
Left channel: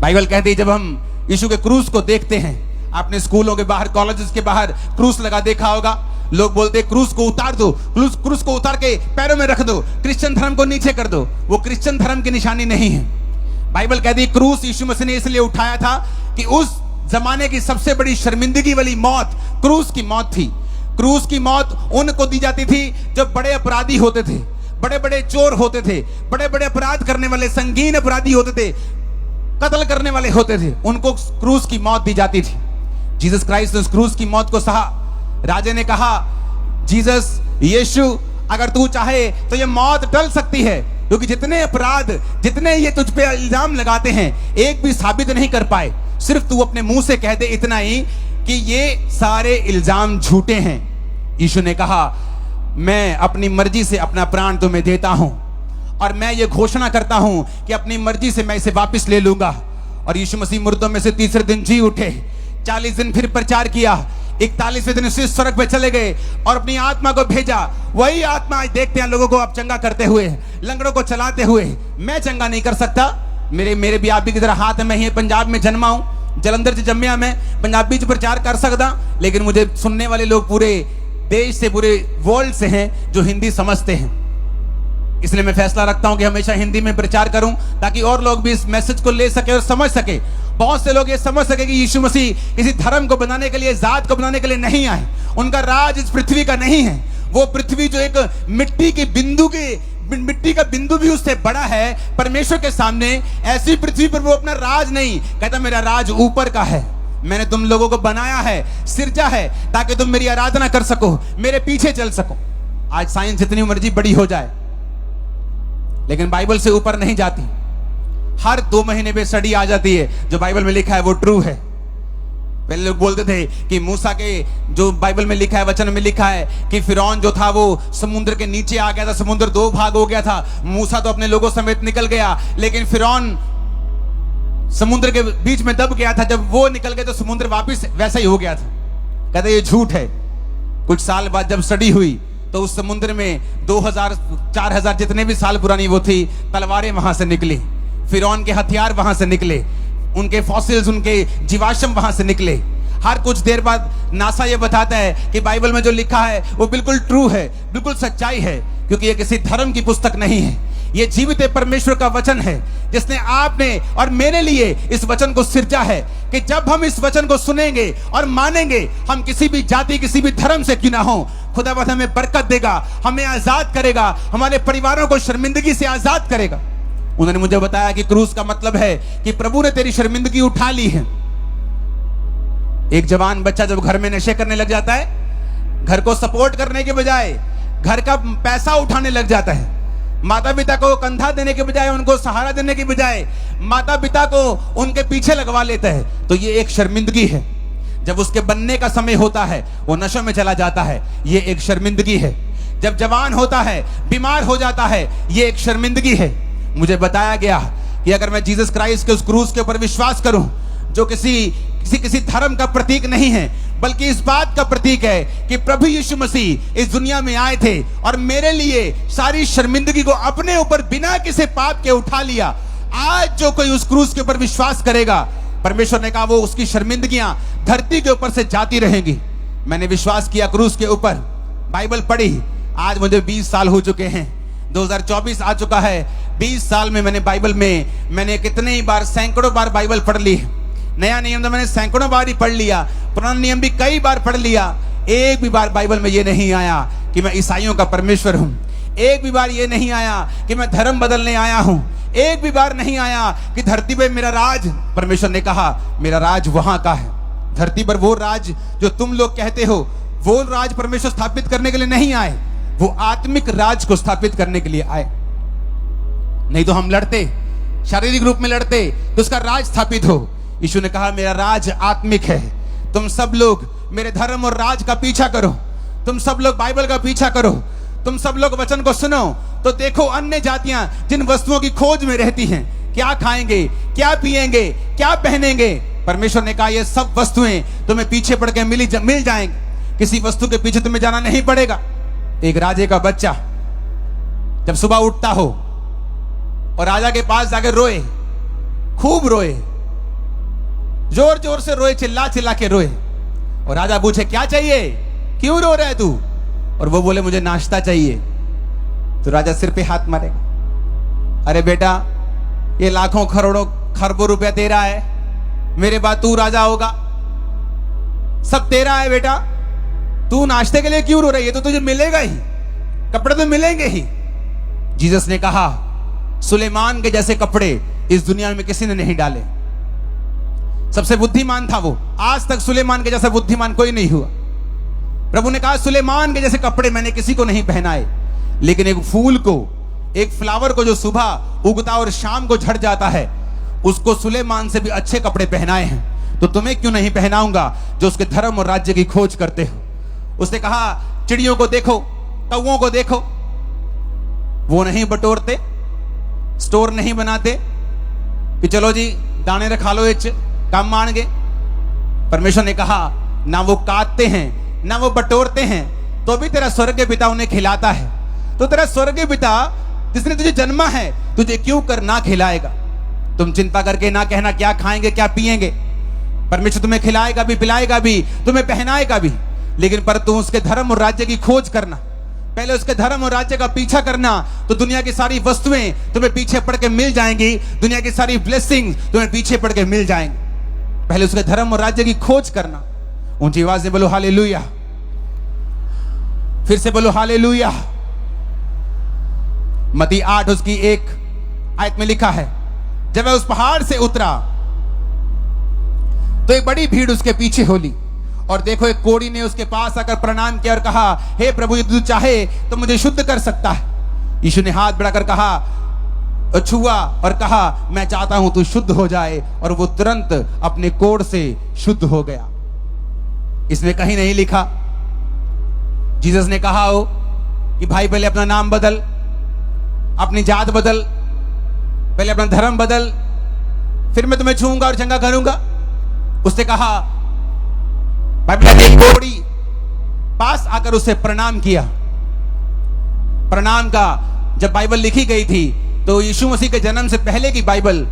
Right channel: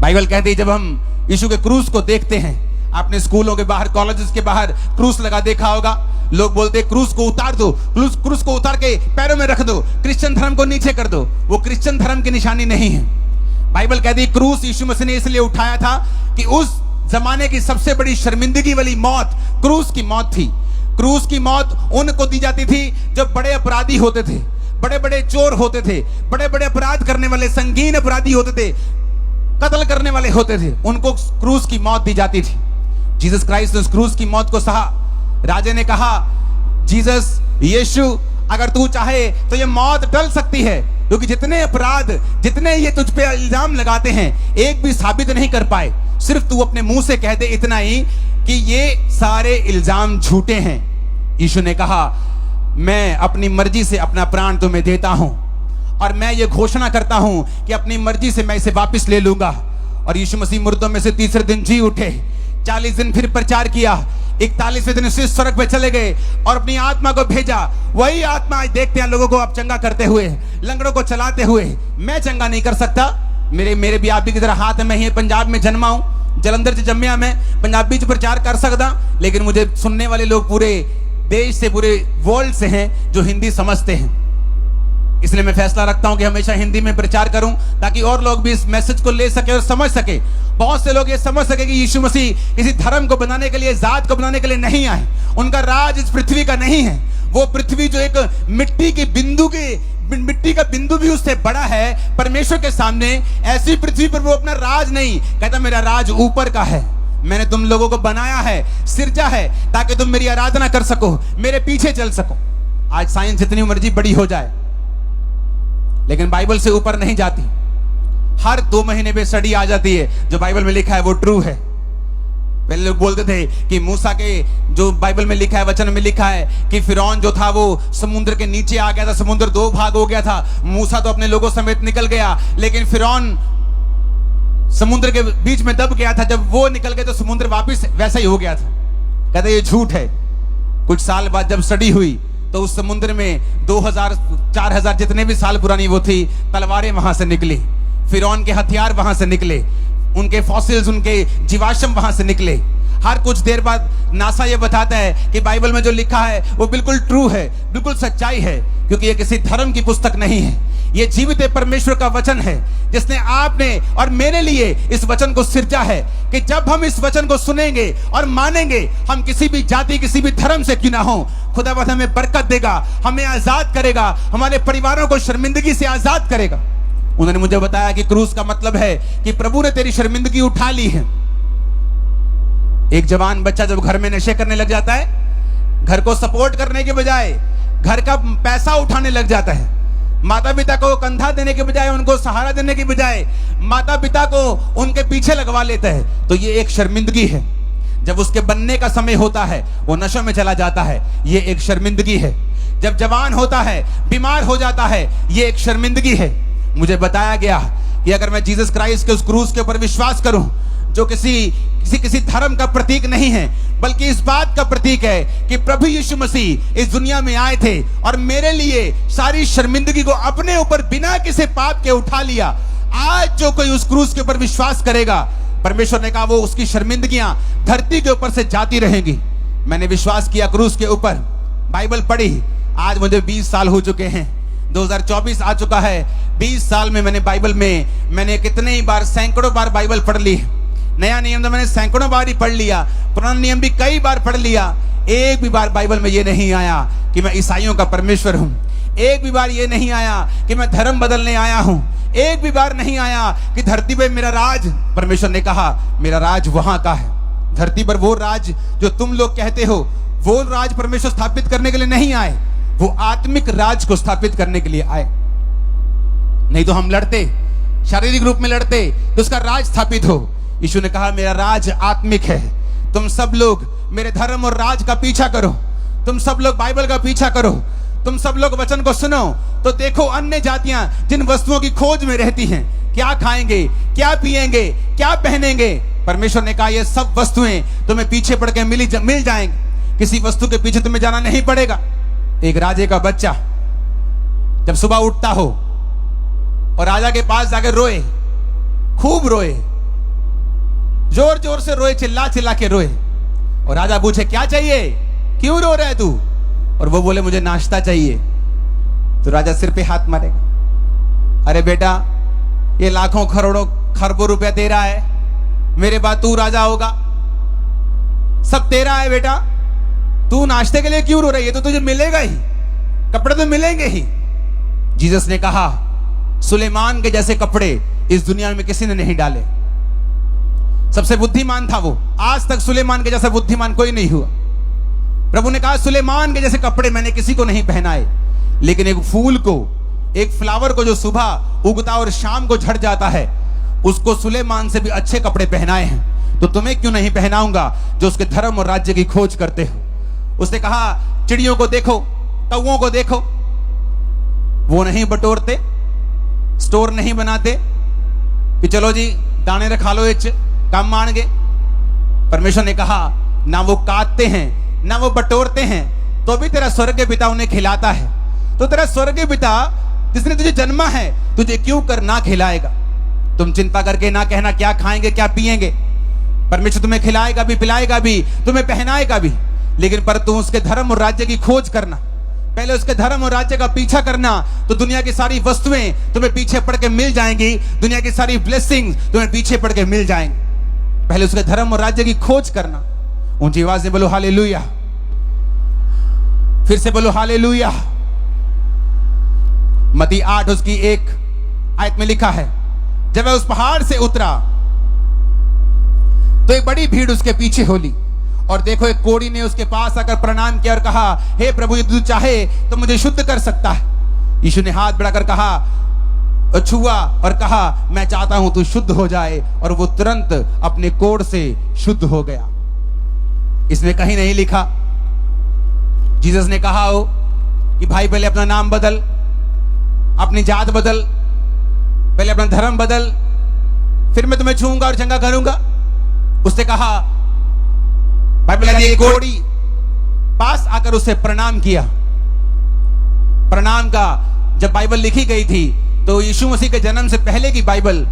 बाइबल कहती है जब हम यीशु के क्रूस को देखते हैं, आपने स्कूलों के बाहर, कॉलेजेस के बाहर क्रूस लगा देखा होगा। लोग बोलते हैं क्रूस को उतार दो, क्रूस को उतार के पैरों में रख दो, क्रिश्चियन धर्म को नीचे कर दो। वो क्रिश्चियन धर्म की निशानी नहीं है। बाइबल कहती है क्रूस यीशु मसीह ने इसलिए उठाया था कि उस जमाने की सबसे बड़ी शर्मिंदगी वाली मौत क्रूस की मौत थी। क्रूस की मौत उनको दी जाती थी जो बड़े अपराधी होते थे, बड़े बड़े चोर होते थे, बड़े बड़े अपराध करने वाले, संगीन अपराधी होते थे, कत्ल करने वाले होते थे, उनको क्रूस की मौत दी जाती थी। जीसस क्राइस्ट ने उस क्रूस की मौत को सहा। राजा ने कहा जीसस, यीशु, अगर तू चाहे तो ये मौत टल सकती है, क्योंकि जितने अपराध, जितने ये तुझ पे इल्जाम लगाते हैं, एक भी साबित नहीं कर पाए। सिर्फ तू अपने मुंह से कह दे इतना ही कि ये सारे इल्जाम झूठे हैं। यीशु ने कहा मैं अपनी मर्जी से अपना प्राण तुम्हें देता हूं और मैं ये घोषणा करता हूं कि अपनी मर्जी से मैं इसे वापस ले लूंगा। और यीशु मसीह मुर्दों में से तीसरे दिन जी उठे। 40 दिन फिर प्रचार किया। 41वें दिन से स्वर्ग पे चले गए और अपनी आत्मा को भेजा। वही आत्मा आज देखते हैं लोगों को आप चंगा करते हुए, लंगड़ों को चलाते हुए। मैं चंगा नहीं कर सकता, मेरे भी आप भी की तरह हाथ है। मैं ही पंजाब में जन्मा हूं, जलंधर से जम्मिया, मैं पंजाबी च प्रचार कर सकता, लेकिन मुझे सुनने वाले लोग पूरे देश से, पूरे वर्ल्ड से हैं जो हिंदी समझते हैं। इसलिए मैं फैसला रखता हूं कि हमेशा हिंदी में प्रचार करूं, ताकि और लोग भी इस मैसेज को ले सके और समझ सके। बहुत से लोग ये समझ सके कि यीशु मसीह किसी धर्म को बनाने के लिए, जात को बनाने के लिए नहीं आए। उनका राज इस पृथ्वी का नहीं है। वो पृथ्वी जो एक मिट्टी का बिंदु भी उससे बड़ा है परमेश्वर के सामने, ऐसी पृथ्वी पर वो अपना राज नहीं कहता। मेरा राज ऊपर का है। मैंने तुम लोगों को बनाया है, सिरजा है, ताकि तुम मेरी आराधना कर सको, मेरे पीछे चल सको। आज साइंस जितनी मर्जी बड़ी हो जाए, लेकिन बाइबल से ऊपर नहीं जाती। हर 2 महीने पे स्टडी आ जाती है, जो बाइबल में लिखा है वो ट्रू है। पहले लोग बोलते थे कि मूसा के जो बाइबल में लिखा है, वचन में लिखा है कि फिरौन जो था वो समुद्र के नीचे आ गया था, समुद्र 2 भाग हो गया था। मूसा तो अपने लोगों समेत निकल गया, लेकिन फिरौन समुद्र के बीच में दब गया था। जब वो निकल गए तो समुद्र वापस वैसा ही हो गया था। कहते ये झूठ है। कुछ साल बाद जब स्टडी हुई तो उस समुद्र में 2000-4000 जितने भी साल पुरानी वो थी, तलवारें वहां से निकली, फिरौन के हथियार वहां से निकले, उनके फॉसिल्स, उनके जीवाश्म वहां से निकले। हर कुछ देर बाद नासा ये बताता है कि बाइबल में जो लिखा है वो बिल्कुल ट्रू है, बिल्कुल सच्चाई है, क्योंकि ये किसी धर्म की पुस्तक नहीं है। ये जीवित परमेश्वर का वचन है, जिसने आपने और मेरे लिए इस वचन को सिरजा है कि जब हम इस वचन को सुनेंगे और मानेंगे, हम किसी भी जाति, किसी भी धर्म से क्यों ना हो, खुदावंद हमें बरकत देगा, हमें आजाद करेगा, हमारे परिवारों को शर्मिंदगी से आजाद करेगा। उन्होंने मुझे बताया कि क्रूस का मतलब है कि प्रभु ने तेरी शर्मिंदगी उठा ली है। एक जवान बच्चा जब घर में नशे करने लग जाता है, घर को सपोर्ट करने के बजाय घर का पैसा उठाने लग जाता है। माता पिता को कंधा देने के बजाय, उनको सहारा देने के बजाय माता पिता को उनके पीछे लगवा लेता है, तो ये एक शर्मिंदगी है। जब उसके बनने का समय होता है वो नशों में चला जाता है, ये एक शर्मिंदगी है। जब जवान होता है, बीमार हो जाता है, ये एक शर्मिंदगी है। मुझे बताया गया कि अगर मैं जीसस क्राइस्ट के उस क्रूस के ऊपर विश्वास करूं, जो किसी धर्म का प्रतीक नहीं है, बल्कि इस बात का प्रतीक है कि प्रभु यीशु मसीह इस दुनिया में आए थे और मेरे लिए सारी शर्मिंदगी को अपने ऊपर बिना किसी पाप के उठा लिया। आज जो कोई उस क्रूस के ऊपर विश्वास करेगा, परमेश्वर ने कहा वो उसकी शर्मिंदगियां धरती के ऊपर से जाती रहेंगी। मैंने विश्वास किया क्रूस के ऊपर, बाइबल पढ़ी। आज मुझे 20 साल हो चुके हैं, 2024 आ चुका है। 20 साल में मैंने कितने ही बार, सैकड़ों बार बाइबल पढ़ ली। नया नियम तो मैंने सैकड़ों बार ही पढ़ लिया, पुराना नियम भी कई बार पढ़ लिया। एक भी बार बाइबल में ये नहीं आया कि मैं ईसाइयों का परमेश्वर हूं। एक भी बार ये नहीं आया कि मैं धर्म बदलने आया हूं। एक भी बार नहीं आया कि धरती पे मेरा राज, परमेश्वर ने कहा मेरा राज वहां का है। धरती पर वो राज जो तुम लोग कहते हो, वो राज परमेश्वर स्थापित करने के लिए नहीं आए, वो आत्मिक राज को स्थापित करने के लिए आए। नहीं तो हम लड़ते, शारीरिक रूप में लड़ते तो उसका राज स्थापित हो। यीशु ने कहा मेरा राज आत्मिक है। तुम सब लोग मेरे धर्म और राज का पीछा करो, तुम सब लोग बाइबल का पीछा करो, तुम सब लोग वचन को सुनो, तो देखो अन्य जातियां जिन वस्तुओं की खोज में रहती हैं, क्या खाएंगे, क्या पिएंगे, क्या पहनेंगे, परमेश्वर ने कहा ये सब वस्तुएं तुम्हें पीछे पड़ के मिल जाएंगे। किसी वस्तु के पीछे तुम्हें जाना नहीं पड़ेगा। एक राजे का बच्चा जब सुबह उठता हो और राजा के पास जाकर रोए, खूब रोए, जोर जोर से रोए, चिल्ला चिल्ला के रोए, और राजा पूछे क्या चाहिए, क्यों रो रहा है तू? और वो बोले मुझे नाश्ता चाहिए। तो राजा सिर पे हाथ मारेगा, अरे बेटा ये लाखों करोड़ों खरबों रुपया तेरा है, मेरे बाद तू राजा होगा, सब तेरा है बेटा, तू नाश्ते के लिए क्यों रो रही है? तो तुझे मिलेगा ही, कपड़े तो मिलेंगे ही। जीसस ने कहा सुलेमान के जैसे कपड़े इस दुनिया में किसी ने नहीं डाले। सबसे बुद्धिमान था वो, आज तक सुलेमान के जैसा बुद्धिमान कोई नहीं हुआ। प्रभु ने कहा सुलेमान के जैसे कपड़े मैंने किसी को नहीं पहनाए, लेकिन एक फूल को, एक फ्लावर को जो सुबह उगता और शाम को झड़ जाता है, उसको सुलेमान से भी अच्छे कपड़े पहनाए हैं। तो तुम्हें क्यों नहीं पहनाऊंगा जो उसके धर्म और राज्य की खोज करते हो। उसने कहा चिड़ियों को देखो, कौओं को देखो, वो नहीं बटोरते, स्टोर नहीं बनाते कि चलो जी दाने रखा लो, काम मांगे। परमेश्वर ने कहा ना वो काटते हैं ना वो बटोरते हैं, तो भी तेरा स्वर्गीय पिता उन्हें खिलाता है। तो तेरा स्वर्गीय पिता जिसने तुझे जन्मा है तुझे क्यों कर ना खिलाएगा? तुम चिंता करके ना कहना क्या खाएंगे क्या पिएंगे। परमेश्वर तुम्हें खिलाएगा भी, पिलाएगा भी, तुम्हें पहनाएगा भी। लेकिन पर तू उसके धर्म और राज्य की खोज करना, पहले उसके धर्म और राज्य का पीछा करना, तो दुनिया की सारी वस्तुएं तुम्हें पीछे पड़ के मिल जाएंगी, दुनिया की सारी ब्लेसिंग्स तुम्हें पीछे पड़ के मिल जाएंगी। पहले उसके धर्म और राज्य की खोज करना। ऊंची आवाज से बोलो हालेलुया, फिर से बोलो हालेलुया। मत्ती 8 उसकी 1 आयत में लिखा है, जब वह उस पहाड़ से उतरा तो एक बड़ी भीड़ उसके पीछे हो ली, और देखो एक कोढ़ी ने उसके पास आकर प्रणाम किया और कहा, हे प्रभु, यदि तू चाहे तो मुझे शुद्ध कर सकता है। यीशु ने हाथ बढ़ाकर कहा, छुआ और कहा, मैं चाहता हूं तू शुद्ध हो जाए, और वो तुरंत अपने कोढ़ से शुद्ध हो गया। इसमें कहीं नहीं लिखा जीसस ने कहा हो कि भाई पहले अपना नाम बदल, अपनी जात बदल, पहले अपना धर्म बदल, फिर मैं तुम्हें छूंगा और चंगा करूंगा। उसने कहा, बाइबल ने कोढ़ी पास आकर उसे प्रणाम किया। प्रणाम का जब बाइबल लिखी गई थी तो यीशु मसीह के जन्म से पहले की बाइबल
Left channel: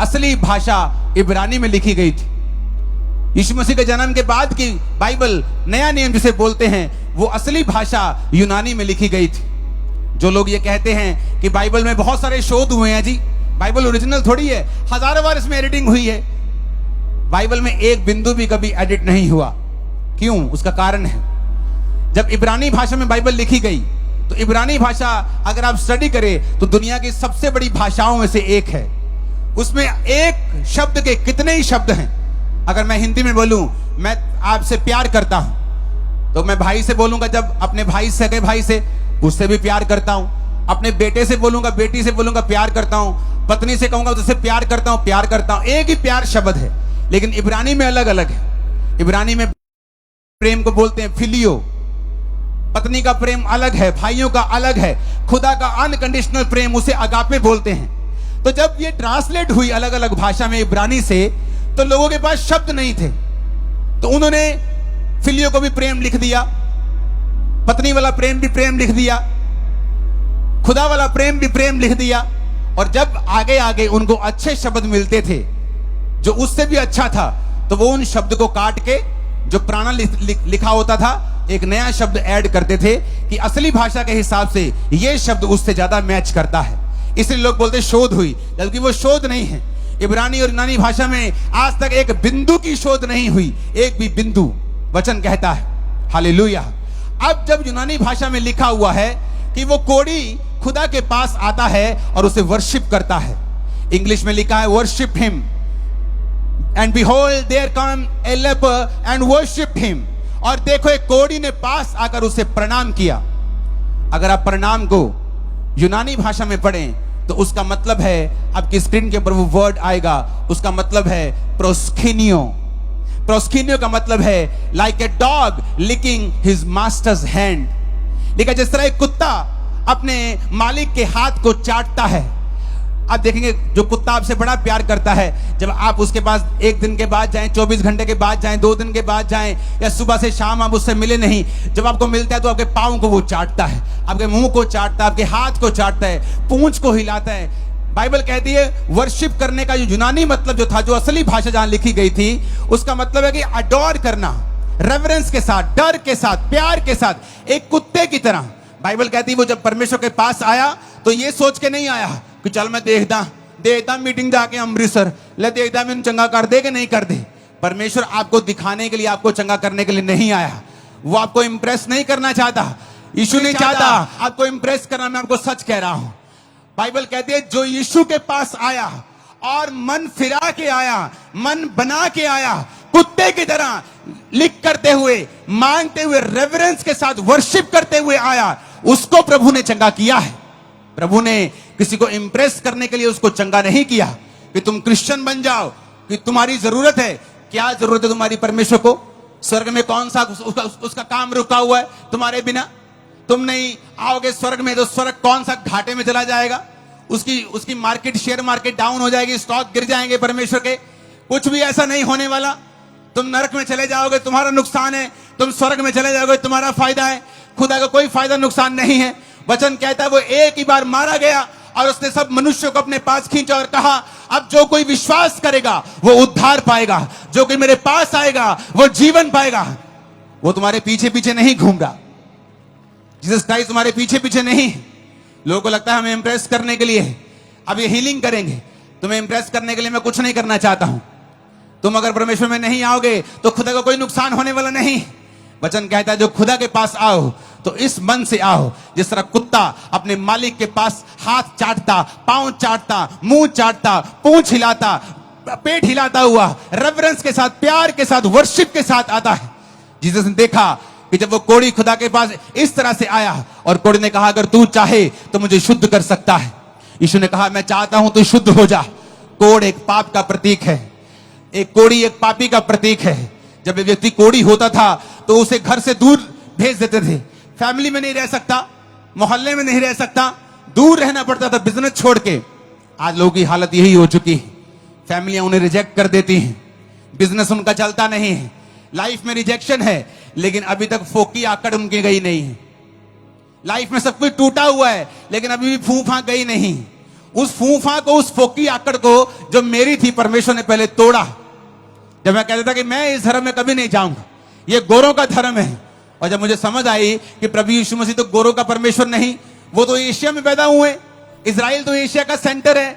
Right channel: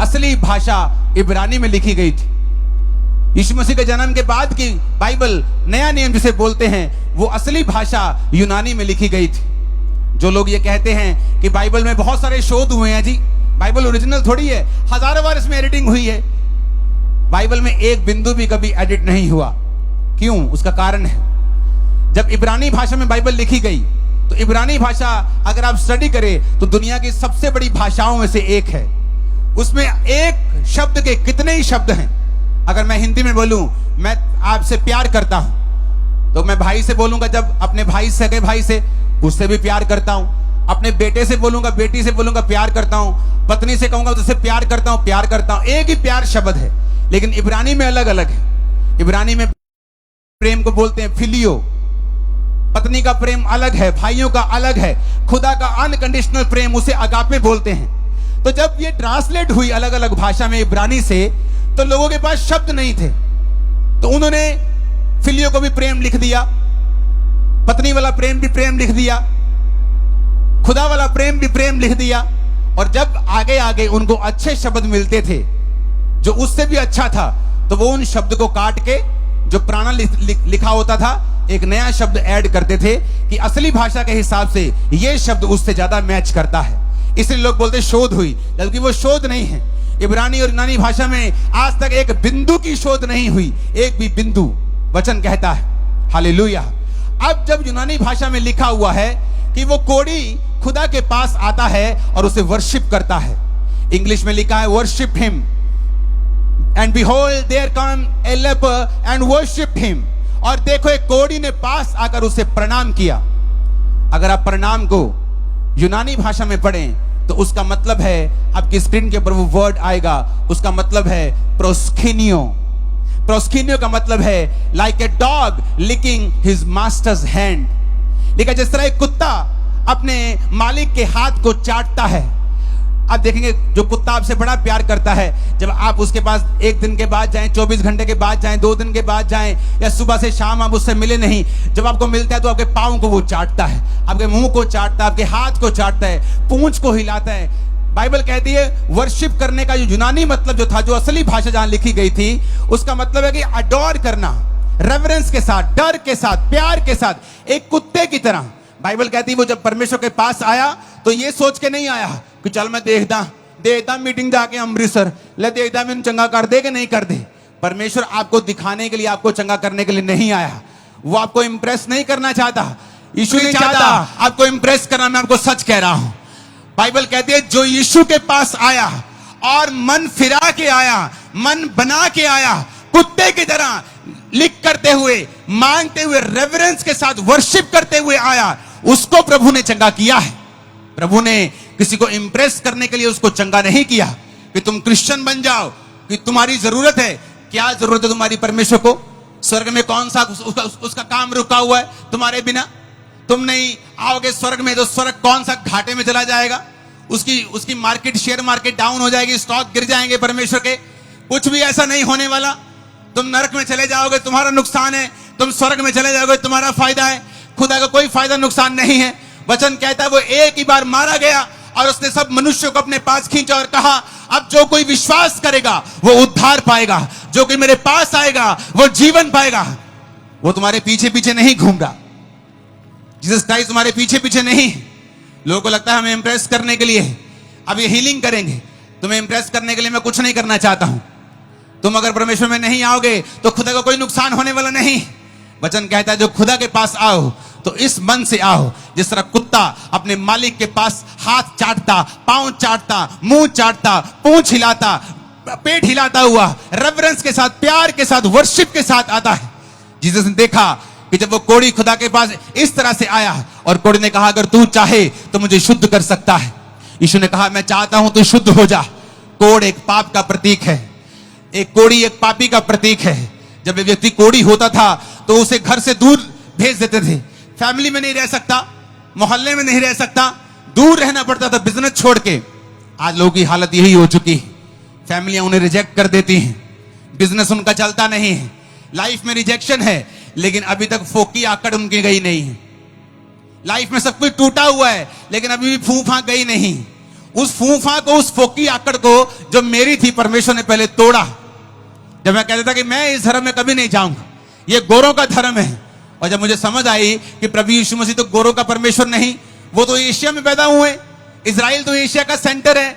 असली भाषा इब्रानी में लिखी गई थी। यीशु मसीह के जन्म के बाद की बाइबल, नया नियम जिसे बोलते हैं, वो असली भाषा यूनानी में लिखी गई थी। जो लोग ये कहते हैं कि बाइबल में बहुत सारे शोध हुए हैं, जी बाइबल ओरिजिनल थोड़ी है, हजारों बार इसमें एडिटिंग हुई है। बाइबल में एक बिंदु भी कभी एडिट नहीं हुआ। क्यों? उसका कारण है, जब इब्रानी भाषा में बाइबल लिखी गई तो इब्रानी भाषा अगर आप स्टडी करें तो दुनिया की सबसे बड़ी भाषाओं में से एक है। उसमें एक शब्द के कितने ही शब्द हैं। अगर मैं हिंदी में बोलूं, मैं आपसे प्यार करता हूं, तो मैं भाई से बोलूंगा, जब अपने भाई सगे भाई से, उससे भी प्यार करता हूं। अपने बेटे से बोलूंगा, बेटी से बोलूंगा, प्यार करता हूं। पत्नी से कहूंगा तो उससे प्यार करता हूं, प्यार करता हूं। एक ही प्यार शब्द है, लेकिन इब्रानी में अलग अलग है। इब्रानी में प्रेम को बोलते हैं फिलियो। पत्नी का प्रेम अलग है, भाइयों का अलग है। खुदा का अनकंडीशनल प्रेम, उसे अगापे बोलते हैं। तो जब ये ट्रांसलेट हुई अलग अलग भाषा में इब्रानी से, तो लोगों के पास शब्द नहीं थे, तो उन्होंने फिलियो को भी प्रेम लिख दिया, पत्नी वाला प्रेम भी प्रेम लिख दिया, खुदा वाला प्रेम भी प्रेम लिख दिया। और जब आगे आगे उनको अच्छे शब्द मिलते थे जो उससे भी अच्छा था, तो वो उन शब्द को काट के जो पुराना लिखा होता था, एक नया शब्द ऐड करते थे कि असली भाषा के हिसाब से ये शब्द उससे ज्यादा मैच करता है। इसलिए लोग बोलते शोध हुई, जबकि वो शोध नहीं है। इब्रानी और यूनानी भाषा में आज तक एक बिंदु की शोध नहीं हुई, एक भी बिंदु। वचन कहता है हालेलुया। अब जब यूनानी भाषा में लिखा हुआ है कि वो कोढ़ी खुदा के पास आता है और उसे वर्शिप करता है, इंग्लिश में लिखा है worship him, and behold there come a leper and worship him. और देखो एक कोढ़ी ने पास आकर उसे प्रणाम किया। अगर आप प्रणाम को यूनानी भाषा में पढ़ें तो उसका मतलब है, आपकी स्क्रीन के ऊपर वो वर्ड आएगा, उसका मतलब है प्रोस्किनियो। प्रोस्किनियो का मतलब है like a dog licking his master's hand. लेकिन जिस तरह एक कुत्ता अपने मालिक के हाथ को चाटता है, आप देखेंगे जो कुत्ता आपसे बड़ा प्यार करता है, जब आप उसके पास एक दिन के बाद जाएं, 24 घंटे के बाद जाएं, 2 दिन के बाद जाएं, या सुबह से शाम आप उससे मिले नहीं, जब आपको मिलता है तो आपके पाँव को वो चाटता है, आपके मुंह को चाटता है, आपके हाथ को चाटता है, पूंछ को हिलाता है। बाइबल कहती है वर्शिप करने का जो यूनानी मतलब जो था, जो असली भाषा जहां लिखी गई थी, उसका मतलब है कि अडोर करना, रेवरेंस के साथ, डर के साथ, प्यार के साथ, एक कुत्ते की तरह। बाइबल कहती है वो जब परमेश्वर के पास आया तो ये सोच के नहीं आया कि चल मैं देखदा मीटिंग जाके अमृतसर ले देखदा मैंने चंगा कर दे कि नहीं कर दे। परमेश्वर आपको दिखाने के लिए, आपको चंगा करने के लिए नहीं आया। वो आपको इंप्रेस नहीं करना चाहता। यीशु नहीं चाहता आपको इंप्रेस करना। मैं आपको सच कह रहा हूं, बाइबल कहती है जो यीशु के पास आया और मन फिरा के आया, मन बना के आया, कुत्ते की तरह लिख करते हुए, मांगते हुए, रेवरेंस के साथ वर्शिप करते हुए आया, उसको प्रभु ने चंगा किया है। प्रभु ने किसी को इंप्रेस करने के लिए उसको चंगा नहीं किया कि तुम क्रिश्चियन बन जाओ, कि तुम्हारी जरूरत है। क्या जरूरत है तुम्हारी परमेश्वर को? स्वर्ग में कौन सा उसका काम रुका हुआ है तुम्हारे बिना? तुम नहीं आओगे स्वर्ग में तो स्वर्ग कौन सा घाटे में चला जाएगा, उसकी मार्केट, शेयर मार्केट डाउन हो जाएगी, स्टॉक गिर जाएंगे परमेश्वर के। कुछ भी ऐसा नहीं होने वाला। तुम नरक में चले जाओगे तुम्हारा नुकसान है, तुम स्वर्ग में चले जाओगे तुम्हारा फायदा है। खुदा का कोई फायदा नुकसान नहीं है। वचन कहता है वो एक ही बार मारा गया और उसने सब मनुष्यों को अपने पास खींचा और कहा अब जो कोई विश्वास करेगा वो उद्धार पाएगा, जो कोई मेरे पास आएगा वो जीवन पाएगा। वो तुम्हारे पीछे पीछे नहीं घूम रहा। जीसस क्राइस्ट तुम्हारे पीछे पीछे नहीं। लोगों को लगता है हमें इंप्रेस करने के लिए है। अब ये हीलिंग करेंगे, तुम्हें इंप्रेस करने के लिए मैं कुछ नहीं करना चाहता हूं। तुम अगर परमेश्वर में नहीं आओगे तो खुदा को कोई नुकसान होने वाला नहीं। वचन कहता है जो खुदा के पास आओ तो इस मन से आओ, जिस तरह कुत्ता अपने मालिक के पास हाथ चाटता, पांव चाटता, मुंह चाटता, पूंछ हिलाता, पेट हिलाता हुआ रेवरेंस के साथ, प्यार के साथ, वर्शिप के साथ आता है। जीसस ने देखा कि जब वो कोढ़ी खुदा के पास इस तरह से आया और कोढ़ी ने कहा अगर तू चाहे तो मुझे शुद्ध कर सकता है। यीशु ने कहा मैं चाहता हूं तू शुद्ध हो जा। कोढ़ एक पाप का प्रतीक है, एक कोढ़ी एक पापी का प्रतीक है। जब एक व्यक्ति कोढ़ी होता था तो उसे घर से दूर भेज देते थे। फैमिली में नहीं रह सकता, मोहल्ले में नहीं रह सकता, दूर रहना पड़ता था बिजनेस छोड़ के। आज लोगों की हालत यही हो चुकी है। फैमिलियां उन्हें रिजेक्ट कर देती हैं, बिजनेस उनका चलता नहीं है, लाइफ में रिजेक्शन है, लेकिन अभी तक फोकी आकड़ उनकी गई नहीं है। लाइफ में सब कुछ टूटा हुआ है लेकिन अभी भी फूफा गई नहीं। उस फूफा को, उस फोकी आकड़ को जो मेरी थी, परमेश्वर ने पहले तोड़ा। जब मैं कहता था कि मैं इस धर्म में कभी नहीं जाऊंगा, ये गोरों का धर्म है, और जब मुझे समझ आई कि प्रभु यीशु मसीह तो गोरों का परमेश्वर नहीं, वो तो एशिया में पैदा हुए। इजराइल तो एशिया का सेंटर है,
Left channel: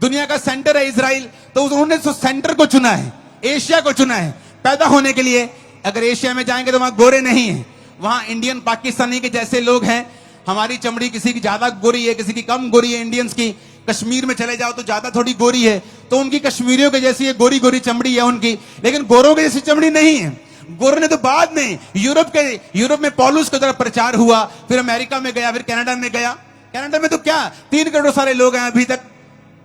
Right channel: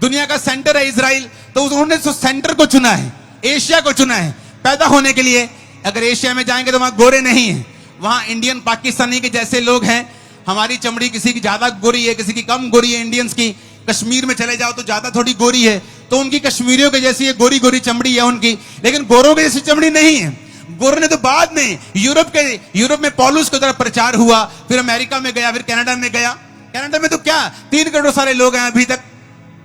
दुनिया का सेंटर है इजराइल। तो उन्होंने तो सेंटर को चुना है, एशिया को चुना है पैदा होने के लिए। अगर एशिया में जाएंगे तो वहां गोरे नहीं है, वहां इंडियन पाकिस्तानी के जैसे लोग हैं। हमारी चमड़ी किसी की ज्यादा गोरी है, किसी की कम गोरी है इंडियंस की। कश्मीर में चले जाओ तो ज्यादा थोड़ी गोरी है, तो उनकी कश्मीरियों के जैसी गोरी गोरी चमड़ी है उनकी, लेकिन गोरों की जैसी चमड़ी नहीं है। गोरों ने तो बाद में यूरोप में पौलुस की तरफ प्रचार हुआ, फिर अमेरिका में गया, फिर कनाडा में गया। कनाडा में तो क्या 3 करोड़ सारे लोग हैं अभी तक,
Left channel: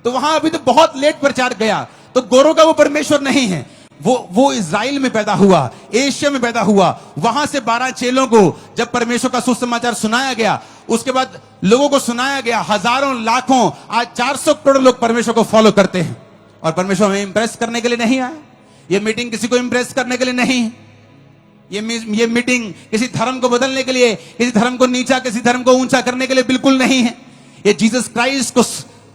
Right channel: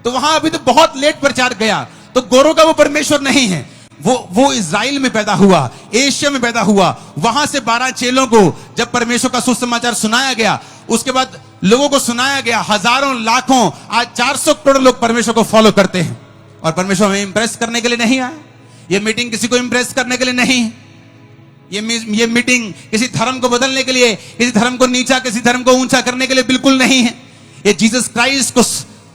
तो वहां अभी तो बहुत लेट प्रचार गया। तो गोरों का वो परमेश्वर नहीं है। वो इजराइल में पैदा हुआ, एशिया में पैदा हुआ। वहां से 12 चेलों को जब परमेश्वर का सुसमाचार सुनाया गया, उसके बाद लोगों को सुनाया गया, हजारों लाखों, आज 400 करोड़ लोग परमेश्वर को फॉलो करते हैं। और परमेश्वर हमें इंप्रेस करने के लिए नहीं आया। ये मीटिंग किसी को इंप्रेस करने के लिए नहीं है। ये मीटिंग किसी धर्म को बदलने के लिए, किसी धर्म को नीचा, किसी धर्म को ऊंचा करने के लिए बिल्कुल नहीं है। ये जीसस क्राइस्ट को,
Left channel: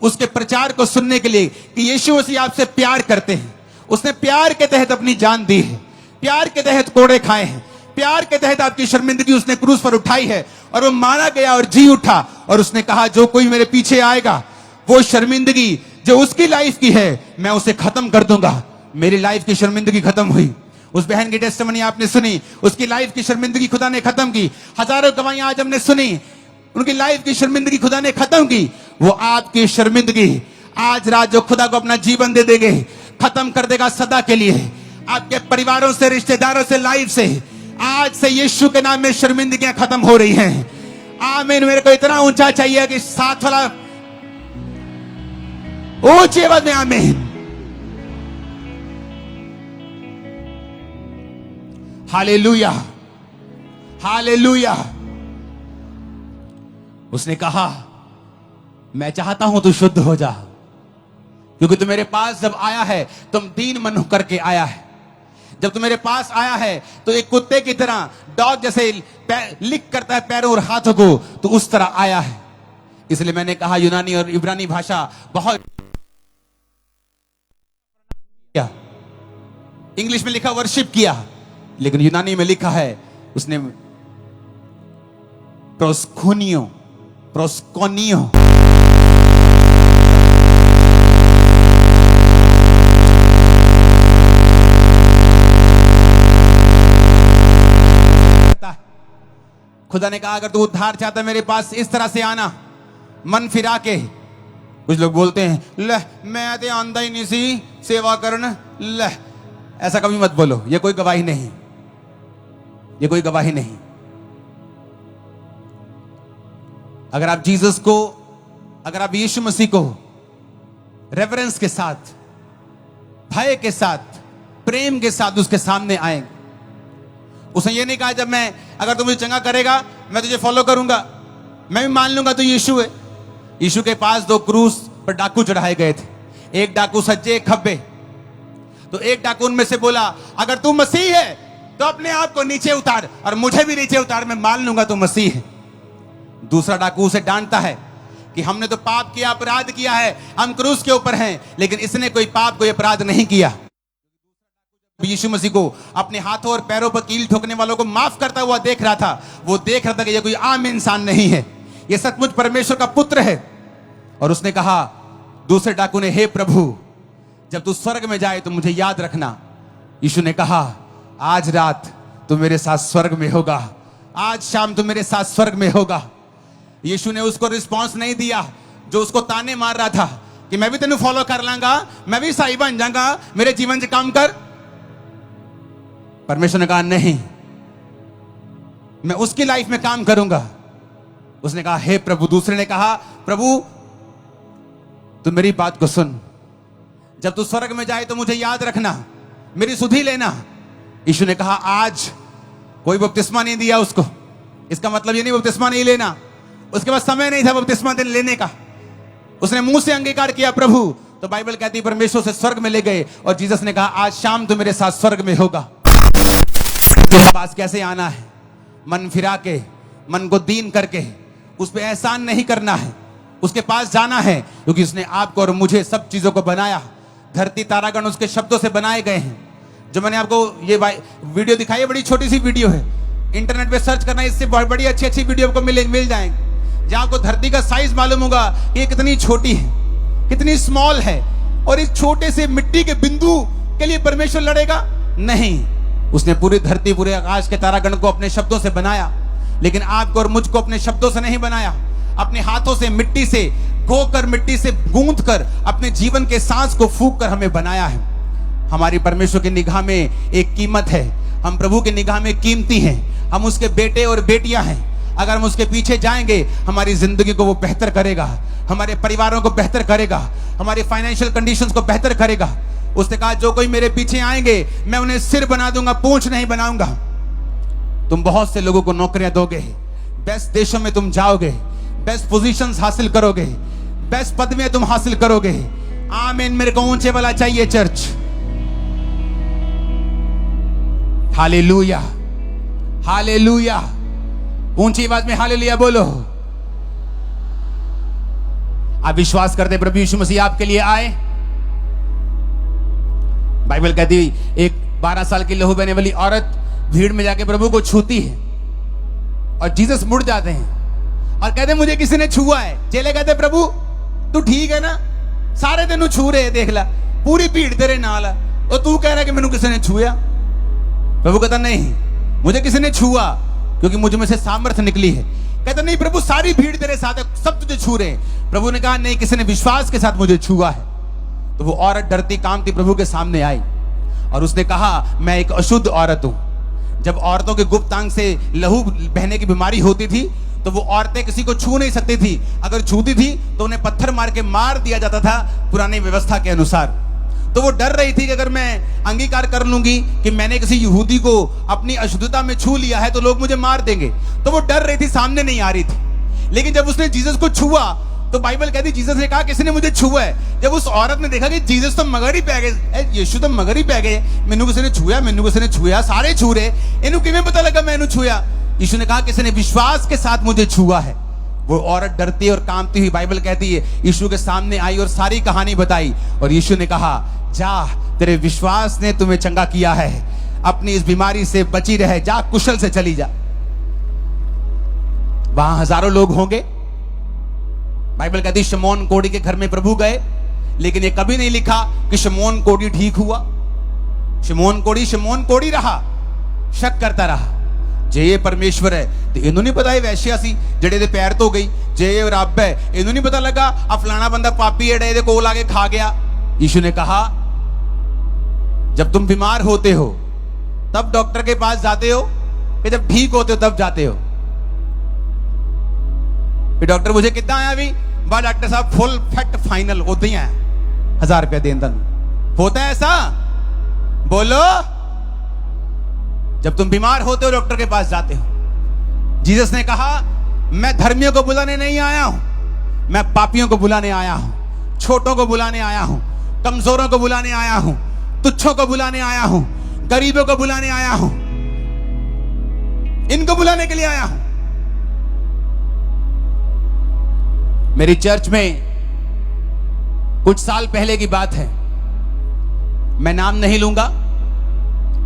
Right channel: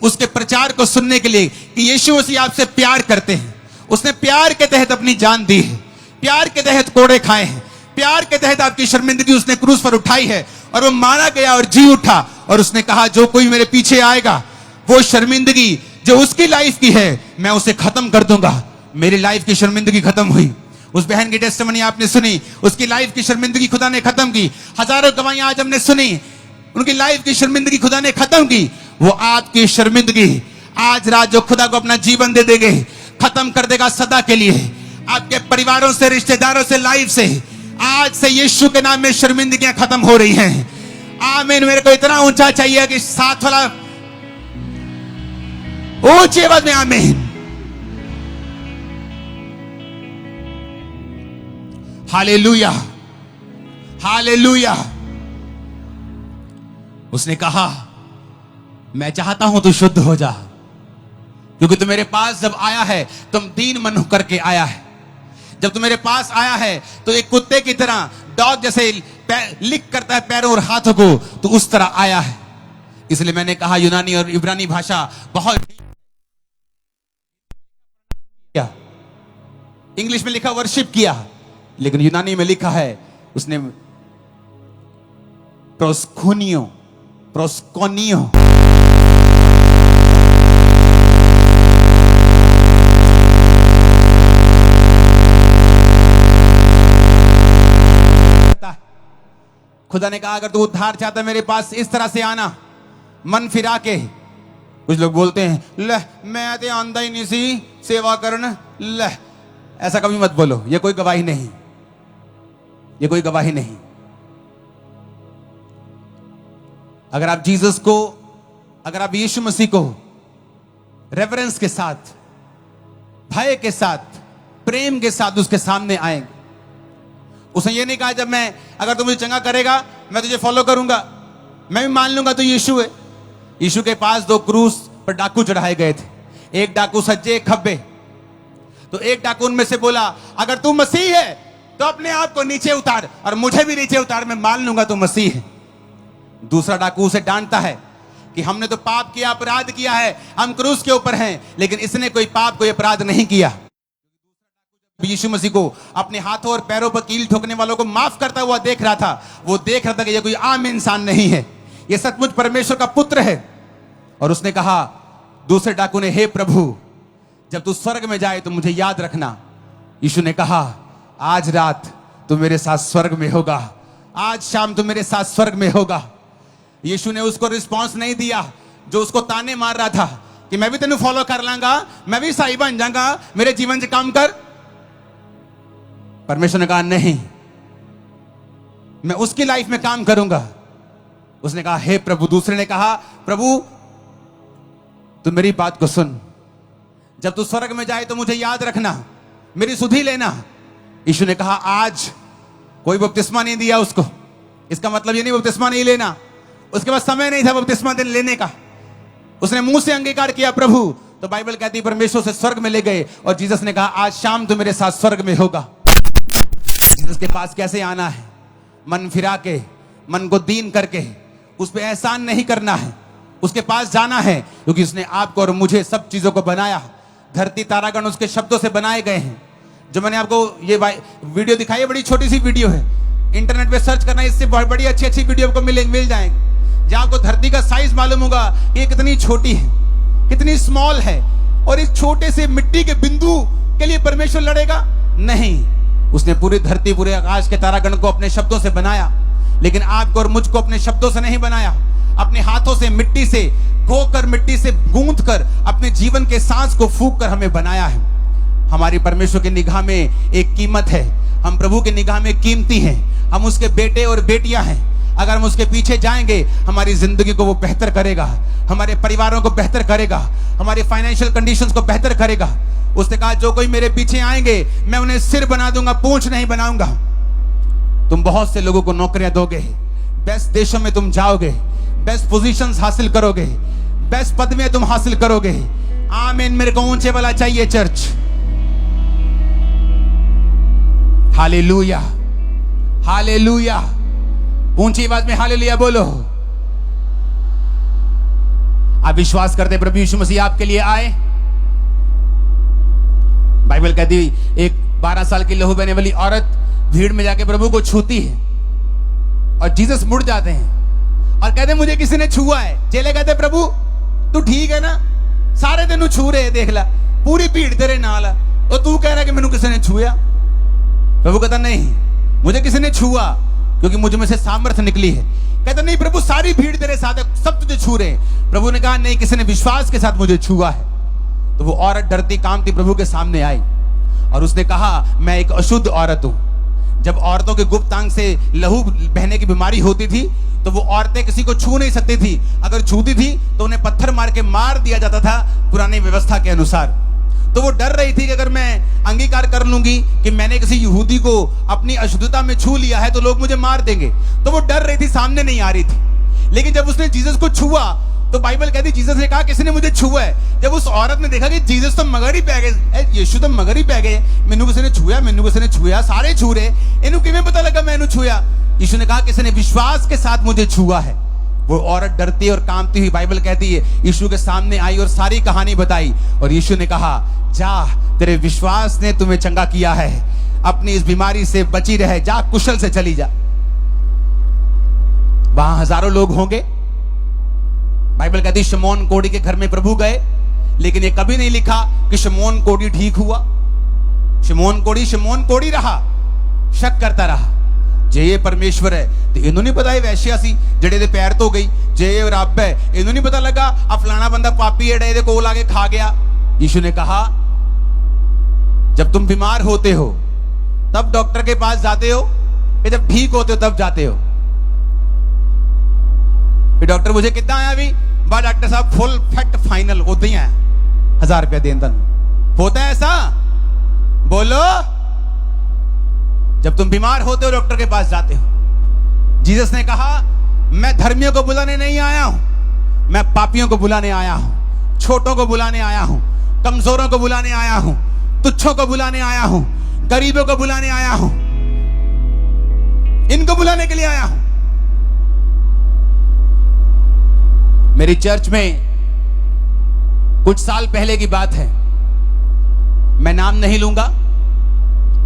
उसके प्रचार को सुनने के लिए कि यीशु मसीह आपसे प्यार करते हैं। उसने प्यार के तहत अपनी जान दी है, प्यार के तहत कोड़े खाए हैं, प्यार के तहत आपकी शर्मिंदगी उसने क्रूस पर उठाई है, और वो मारा गया और जी उठा। और उसने कहा जो कोई मेरे पीछे आएगा, वो शर्मिंदगी जो उसकी लाइफ की है मैं उसे खत्म कर दूंगा। मेरी लाइफ की शर्मिंदगी खत्म हुई। उस बहन की टेस्टिमनी आपने सुनी, उसकी लाइफ की शर्मिंदगी खुदा ने खत्म की। हजारों गवाहियां आज हमने सुनी, उनकी लाइफ की शर्मिंदगी खुदा ने खत्म की। वो आपकी शर्मिंदगी आज रात जो खुदा को अपना जीवन दे देंगे, खत्म कर देगा सदा के लिए। आपके परिवारों से, रिश्तेदारों से, लाइफ से आज से यीशु के नाम में शर्मिंदगियां खत्म हो रही हैं। आमीन। मेरे को इतना ऊंचा चाहिए कि साथ वाला ऊंची आवाज में आमीन। Hallelujah, hallelujah. उसने कहा मैं चाहता हूं तू शुद्ध हो जा, क्योंकि तू मेरे पास जब आया है तुम दीन मन होकर के आया है। जब तू मेरे पास आया है तो एक कुत्ते की तरह, डॉग जैसे लिक करता है पैरों और हाथों को, तो उस तरह आया है। इसलिए मैंने कहा यूनानी और इब्रानी भाषा बहुत, इंग्लिश में लिखा वर्शिप किया, लेकिन यूनानी में लिखा है उसने प्रोस्कोनियो खुदा ने कहा अगर तू उद्धार चाहता है मेरे पास इस तरह से आना, मन फिरा के। कुछ लोग बोलते हैं ले मैं तो आंदा ही नहीं सी सेवा करन, ले ऐसा कभी मत बोलो। ये कोई गवाही नहीं, ये कोई गवाही नहीं। अगर आप जीसस को, अगर आप यीशु मसीह को रेवरेंस के साथ, भय के साथ, प्रेम के साथ उसके सामने आएंगे, उसने ये नहीं कहा जब मैं, अगर तू मुझे चंगा करेगा मैं तुझे फॉलो करूंगा, मैं भी मान लूंगा तू यीशु है। यीशु के पास 2 क्रूस पर डाकू चढ़ाए गए थे, एक डाकू सज्जे एक खब्बे। तो एक डाकू उनमें से बोला अगर तू मसीह है तो अपने आप को नीचे उतार और मुझे भी नीचे उतार, मैं मान लूंगा तू मसीह है। दूसरा डाकू उसे डांटता है कि हमने तो पाप किया, अपराध किया है, हम क्रूस के ऊपर हैं, लेकिन इसने कोई पाप, कोई अपराध नहीं किया। यीशु मसीह को अपने हाथों और पैरों पर कील ठोकने वालों को माफ करता हुआ देख रहा था, वो देख रहा था कि ये कोई आम इंसान नहीं है, ये सचमुच परमेश्वर का पुत्र है। और उसने कहा, दूसरे डाकू ने, हे प्रभु, जब तू स्वर्ग में जाए तो मुझे याद रखना। यीशु ने कहा, आज रात तू मेरे साथ स्वर्ग में होगा, आज शाम तू मेरे साथ स्वर्ग में होगा। यीशु ने उसको रिस्पॉन्स नहीं दिया जो उसको ताने मार रहा था कि मैं भी तेनू फॉलो कर लांगा, मैं भी ईसाई बन जाऊंगा, मेरे जीवन से काम कर। परमेश्वर ने कहा, नहीं, मैं उसकी लाइफ में काम करूंगा। उसने कहा, हे प्रभु। दूसरे ने कहा, प्रभु तू मेरी बात को सुन, जब तू स्वर्ग में जाए तो मुझे याद रखना, मेरी सुधि लेना। यीशु ने कहा, आज कोई बपतिस्मा नहीं दिया उसको, इसका मतलब ये नहीं बपतिस्मा नहीं लेना, उसके पास समय नहीं था बपतिस्मा लेने का, उसने मुंह से अंगीकार किया प्रभु, तो बाइबल कहती है परमेश्वर से स्वर्ग में ले गए। और जीसस ने कहा, आज शाम तू मेरे साथ स्वर्ग में होगा। तेरे पास कैसे आना है? मन फिरा के, मन को दीन करके, उस पर एहसान नहीं करना है, उसके पास जाना है, क्योंकि उसने आपको और मुझे सब चीजों को बनाया। धरती तारागण उसके शब्दों से बनाए गए हैं। जो मैंने आपको ये वीडियो दिखाई है, बड़ी छोटी सी वीडियो है, इंटरनेट पे सर्च करना, इससे बहुत बड़ी अच्छी अच्छी वीडियो आपको मिल जाएंगे, जहां आपको धरती का साइज मालूम होगा कि ये कितनी छोटी है, कितनी स्मॉल है। और इस छोटे से मिट्टी के बिंदु के लिए परमेश्वर लड़ेगा? नहीं, उसने पूरी धरती, पूरे आकाश के तारागण को अपने शब्दों से बनाया। लेकिन आपको और मुझको अपने शब्दों से नहीं बनाया, अपने हाथों से, मिट्टी से गोकर, मिट्टी से गूंथ कर, अपने जीवन के सांस को फूंक कर हमें बनाया है। हमारी परमेश्वर की निगाह में एक कीमत है, हम प्रभु की निगाह में कीमती हैं, हम उसके बेटे और बेटियां हैं। अगर हम उसके पीछे जाएंगे, हमारी जिंदगी को वो बेहतर करेगा, हमारे परिवारों को बेहतर करेगा, हमारे फाइनेंशियल कंडीशंस को बेहतर करेगा। उसने कहा, जो कोई मेरे पीछे आएंगे मैं उन्हें सिर बना दूंगा, पूंछ नहीं बनाऊंगा। तुम बहुत से लोगों को नौकरियां दोगे, बेस्ट देशों में तुम जाओगे, बेस्ट पोजीशंस हासिल करोगे, बेस्ट पद में तुम हासिल करोगे। आमीन। मेरे को ऊंचे वाला चाहिए चर्च। Hallelujah, hallelujah. ऊंची आवाज में हालेलुया बोलो। आप विश्वास करते प्रभु यीशु मसीह आपके लिए आए? बाइबल कहती एक 12 साल की लहू बहने वाली औरत भीड़ में जाके प्रभु को छूती है और जीसस मुड़ जाते हैं और कहते मुझे किसी ने छुआ है। चेले कहते, प्रभु तू ठीक है ना, सारे तेनू छू रहे, देख ला पूरी भीड़ तेरे नाल है, और तू कह रहा कि मैनू किसी ने छुआ। प्रभु कहता, नहीं, मुझे किसी ने छुआ क्योंकि मुझ में से सामर्थ्य निकली है। कहता, नहीं प्रभु, सारी भीड़ तेरे साथ है, सब तुझे छू रहे हैं। प्रभु ने कहा, नहीं, किसी ने विश्वास के साथ मुझे छुआ है। तो वो औरत डरती कांपती प्रभु के सामने आई और उसने कहा, मैं एक अशुद्ध औरत हूं। जब औरतों के गुप्तांग से लहू बहने की बीमारी होती थी तो वो औरतें किसी को छू नहीं सकती थी, अगर छूती थी तो उन्हें पत्थर मार के मार दिया जाता था पुरानी व्यवस्था के अनुसार। तो वो डर रही थी कि अगर मैं अंगीकार कर लूंगी कि मैंने किसी यहूदी को अपनी अशुद्धता में छू लिया है तो लोग मुझे मार देंगे। तो वो डर रही थी, सामने नहीं आ रही थी। लेकिन जब उसने जीसस को छुआ तो बाइबल कहती, जीसस ने कहा, किसी ने मुझे छुआ है। जब उस औरत ने देखा कि जीसस तो मगर ही पै गए, यीशु तो मगर ही पै गए, मैनू किसी ने छुआ, मैनू किसी ने छुआ, सारे छू रहे, इन्हू किवें पता लगा मैनू छुआ? यीशु ने कहा, किसी ने विश्वास के साथ मुझे छुआ है। वो औरत डरती और कांपती हुई बाइबल कहती है यीशु के सामने आई और सारी कहानी बताई। और यीशु ने कहा, जा, तेरे विश्वास ने तुम्हें चंगा किया है, अपनी इस बीमारी से बची रहे, जा, कुशल से चली जा। वहां हजारों लोग होंगे। बाइबल कहती शमौन कोढ़ी के घर में प्रभु गए, लेकिन ये कभी नहीं लिखा कि शमौन कोढ़ी ठीक हुआ। शमौन कोढ़ी रहा, शक करता रहा। जे ये परमेश्वर है तो इन्हों नहीं पता, वैश्या सी जड़े दे पैर तो गई, जे ये रब है इन्हों नहीं पता लगा, आ फलाना बंदा पापी है दे कोल आके खा गया। यीशु ने कहा, जब तुम बीमार होते हो तब डॉक्टर के पास जाते हो कि जब ठीक होते हो तब जाते हो? फिर डॉक्टर मुझे कितना आया भी बा डॉक्टर साहब फुल फैक्ट फाइनल उदा ही है, 1000 रुपया देन तन होता है ऐसा? बोलो। जब तुम बीमार होते हो डॉक्टर के पास जाते हो। जीसस ने कहा, मैं धर्मियों को बुलाने नहीं आया हूं, मैं पापियों को बुलाने आया हूं, छोटों को बुलाने आया हूं, कमजोरों को बुलाने आया हूं, तुच्छों को बुलाने आया हूं, गरीबों को बुलाने आया हूं, इनको बुलाने के लिए आया हूं। मेरी चर्च में कुछ साल पहले की बात है, मैं नाम नहीं लूंगा,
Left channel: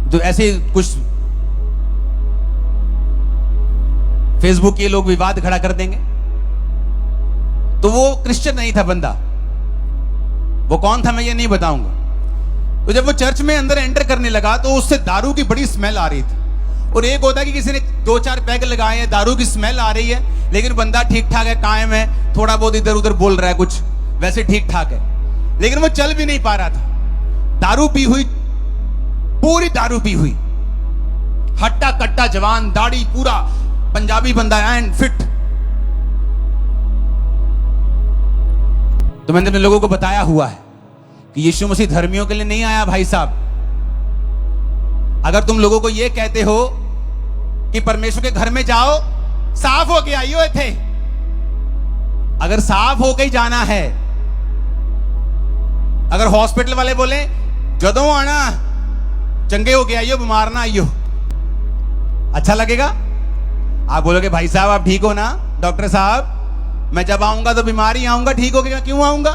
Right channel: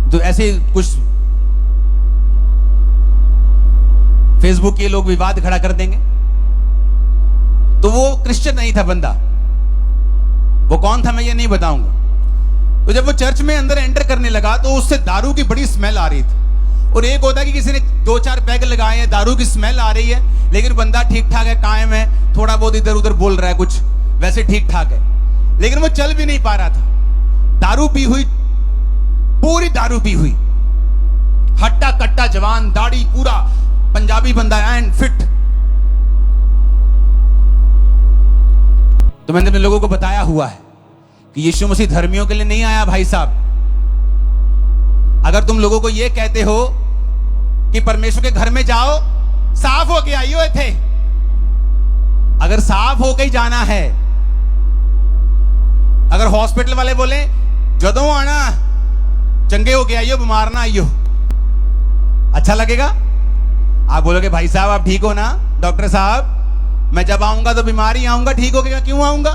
जो ऐसे कुछ फेसबुक के लोग विवाद खड़ा कर देंगे। तो वो क्रिश्चियन नहीं था बंदा, वो कौन था मैं ये नहीं बताऊंगा। तो जब वो चर्च में अंदर एंटर करने लगा तो उससे दारू की बड़ी स्मेल आ रही थी। और एक होता है कि किसी ने 2-4 पैग लगाए हैं, दारू की स्मेल आ रही है, लेकिन बंदा ठीक ठाक है, कायम है, थोड़ा बहुत इधर उधर बोल रहा है, कुछ वैसे ठीक ठाक है, लेकिन वो चल भी नहीं पा रहा था। दारू पी हुई, पूरी दारू पी हुई, हट्टा कट्टा जवान, दाढ़ी, पूरा पंजाबी बंदा एंड फिट। तो मैंने अपने लोगों को बताया हुआ है कि यीशु मसीह धर्मियों के लिए नहीं आया भाई साहब। अगर तुम लोगों को यह कहते हो कि परमेश्वर के घर में जाओ, साफ होके आइयो थे, अगर साफ होके ही जाना है, अगर हॉस्पिटल वाले बोले जदों आना चंगे होके आइयो, बीमार ना आइयो, अच्छा लगेगा? आप बोलोगे भाई साहब आप ठीक हो ना? डॉक्टर साहब मैं जब आऊंगा तो बीमार ही आऊंगा, ठीक हो गया, क्यों आऊंगा?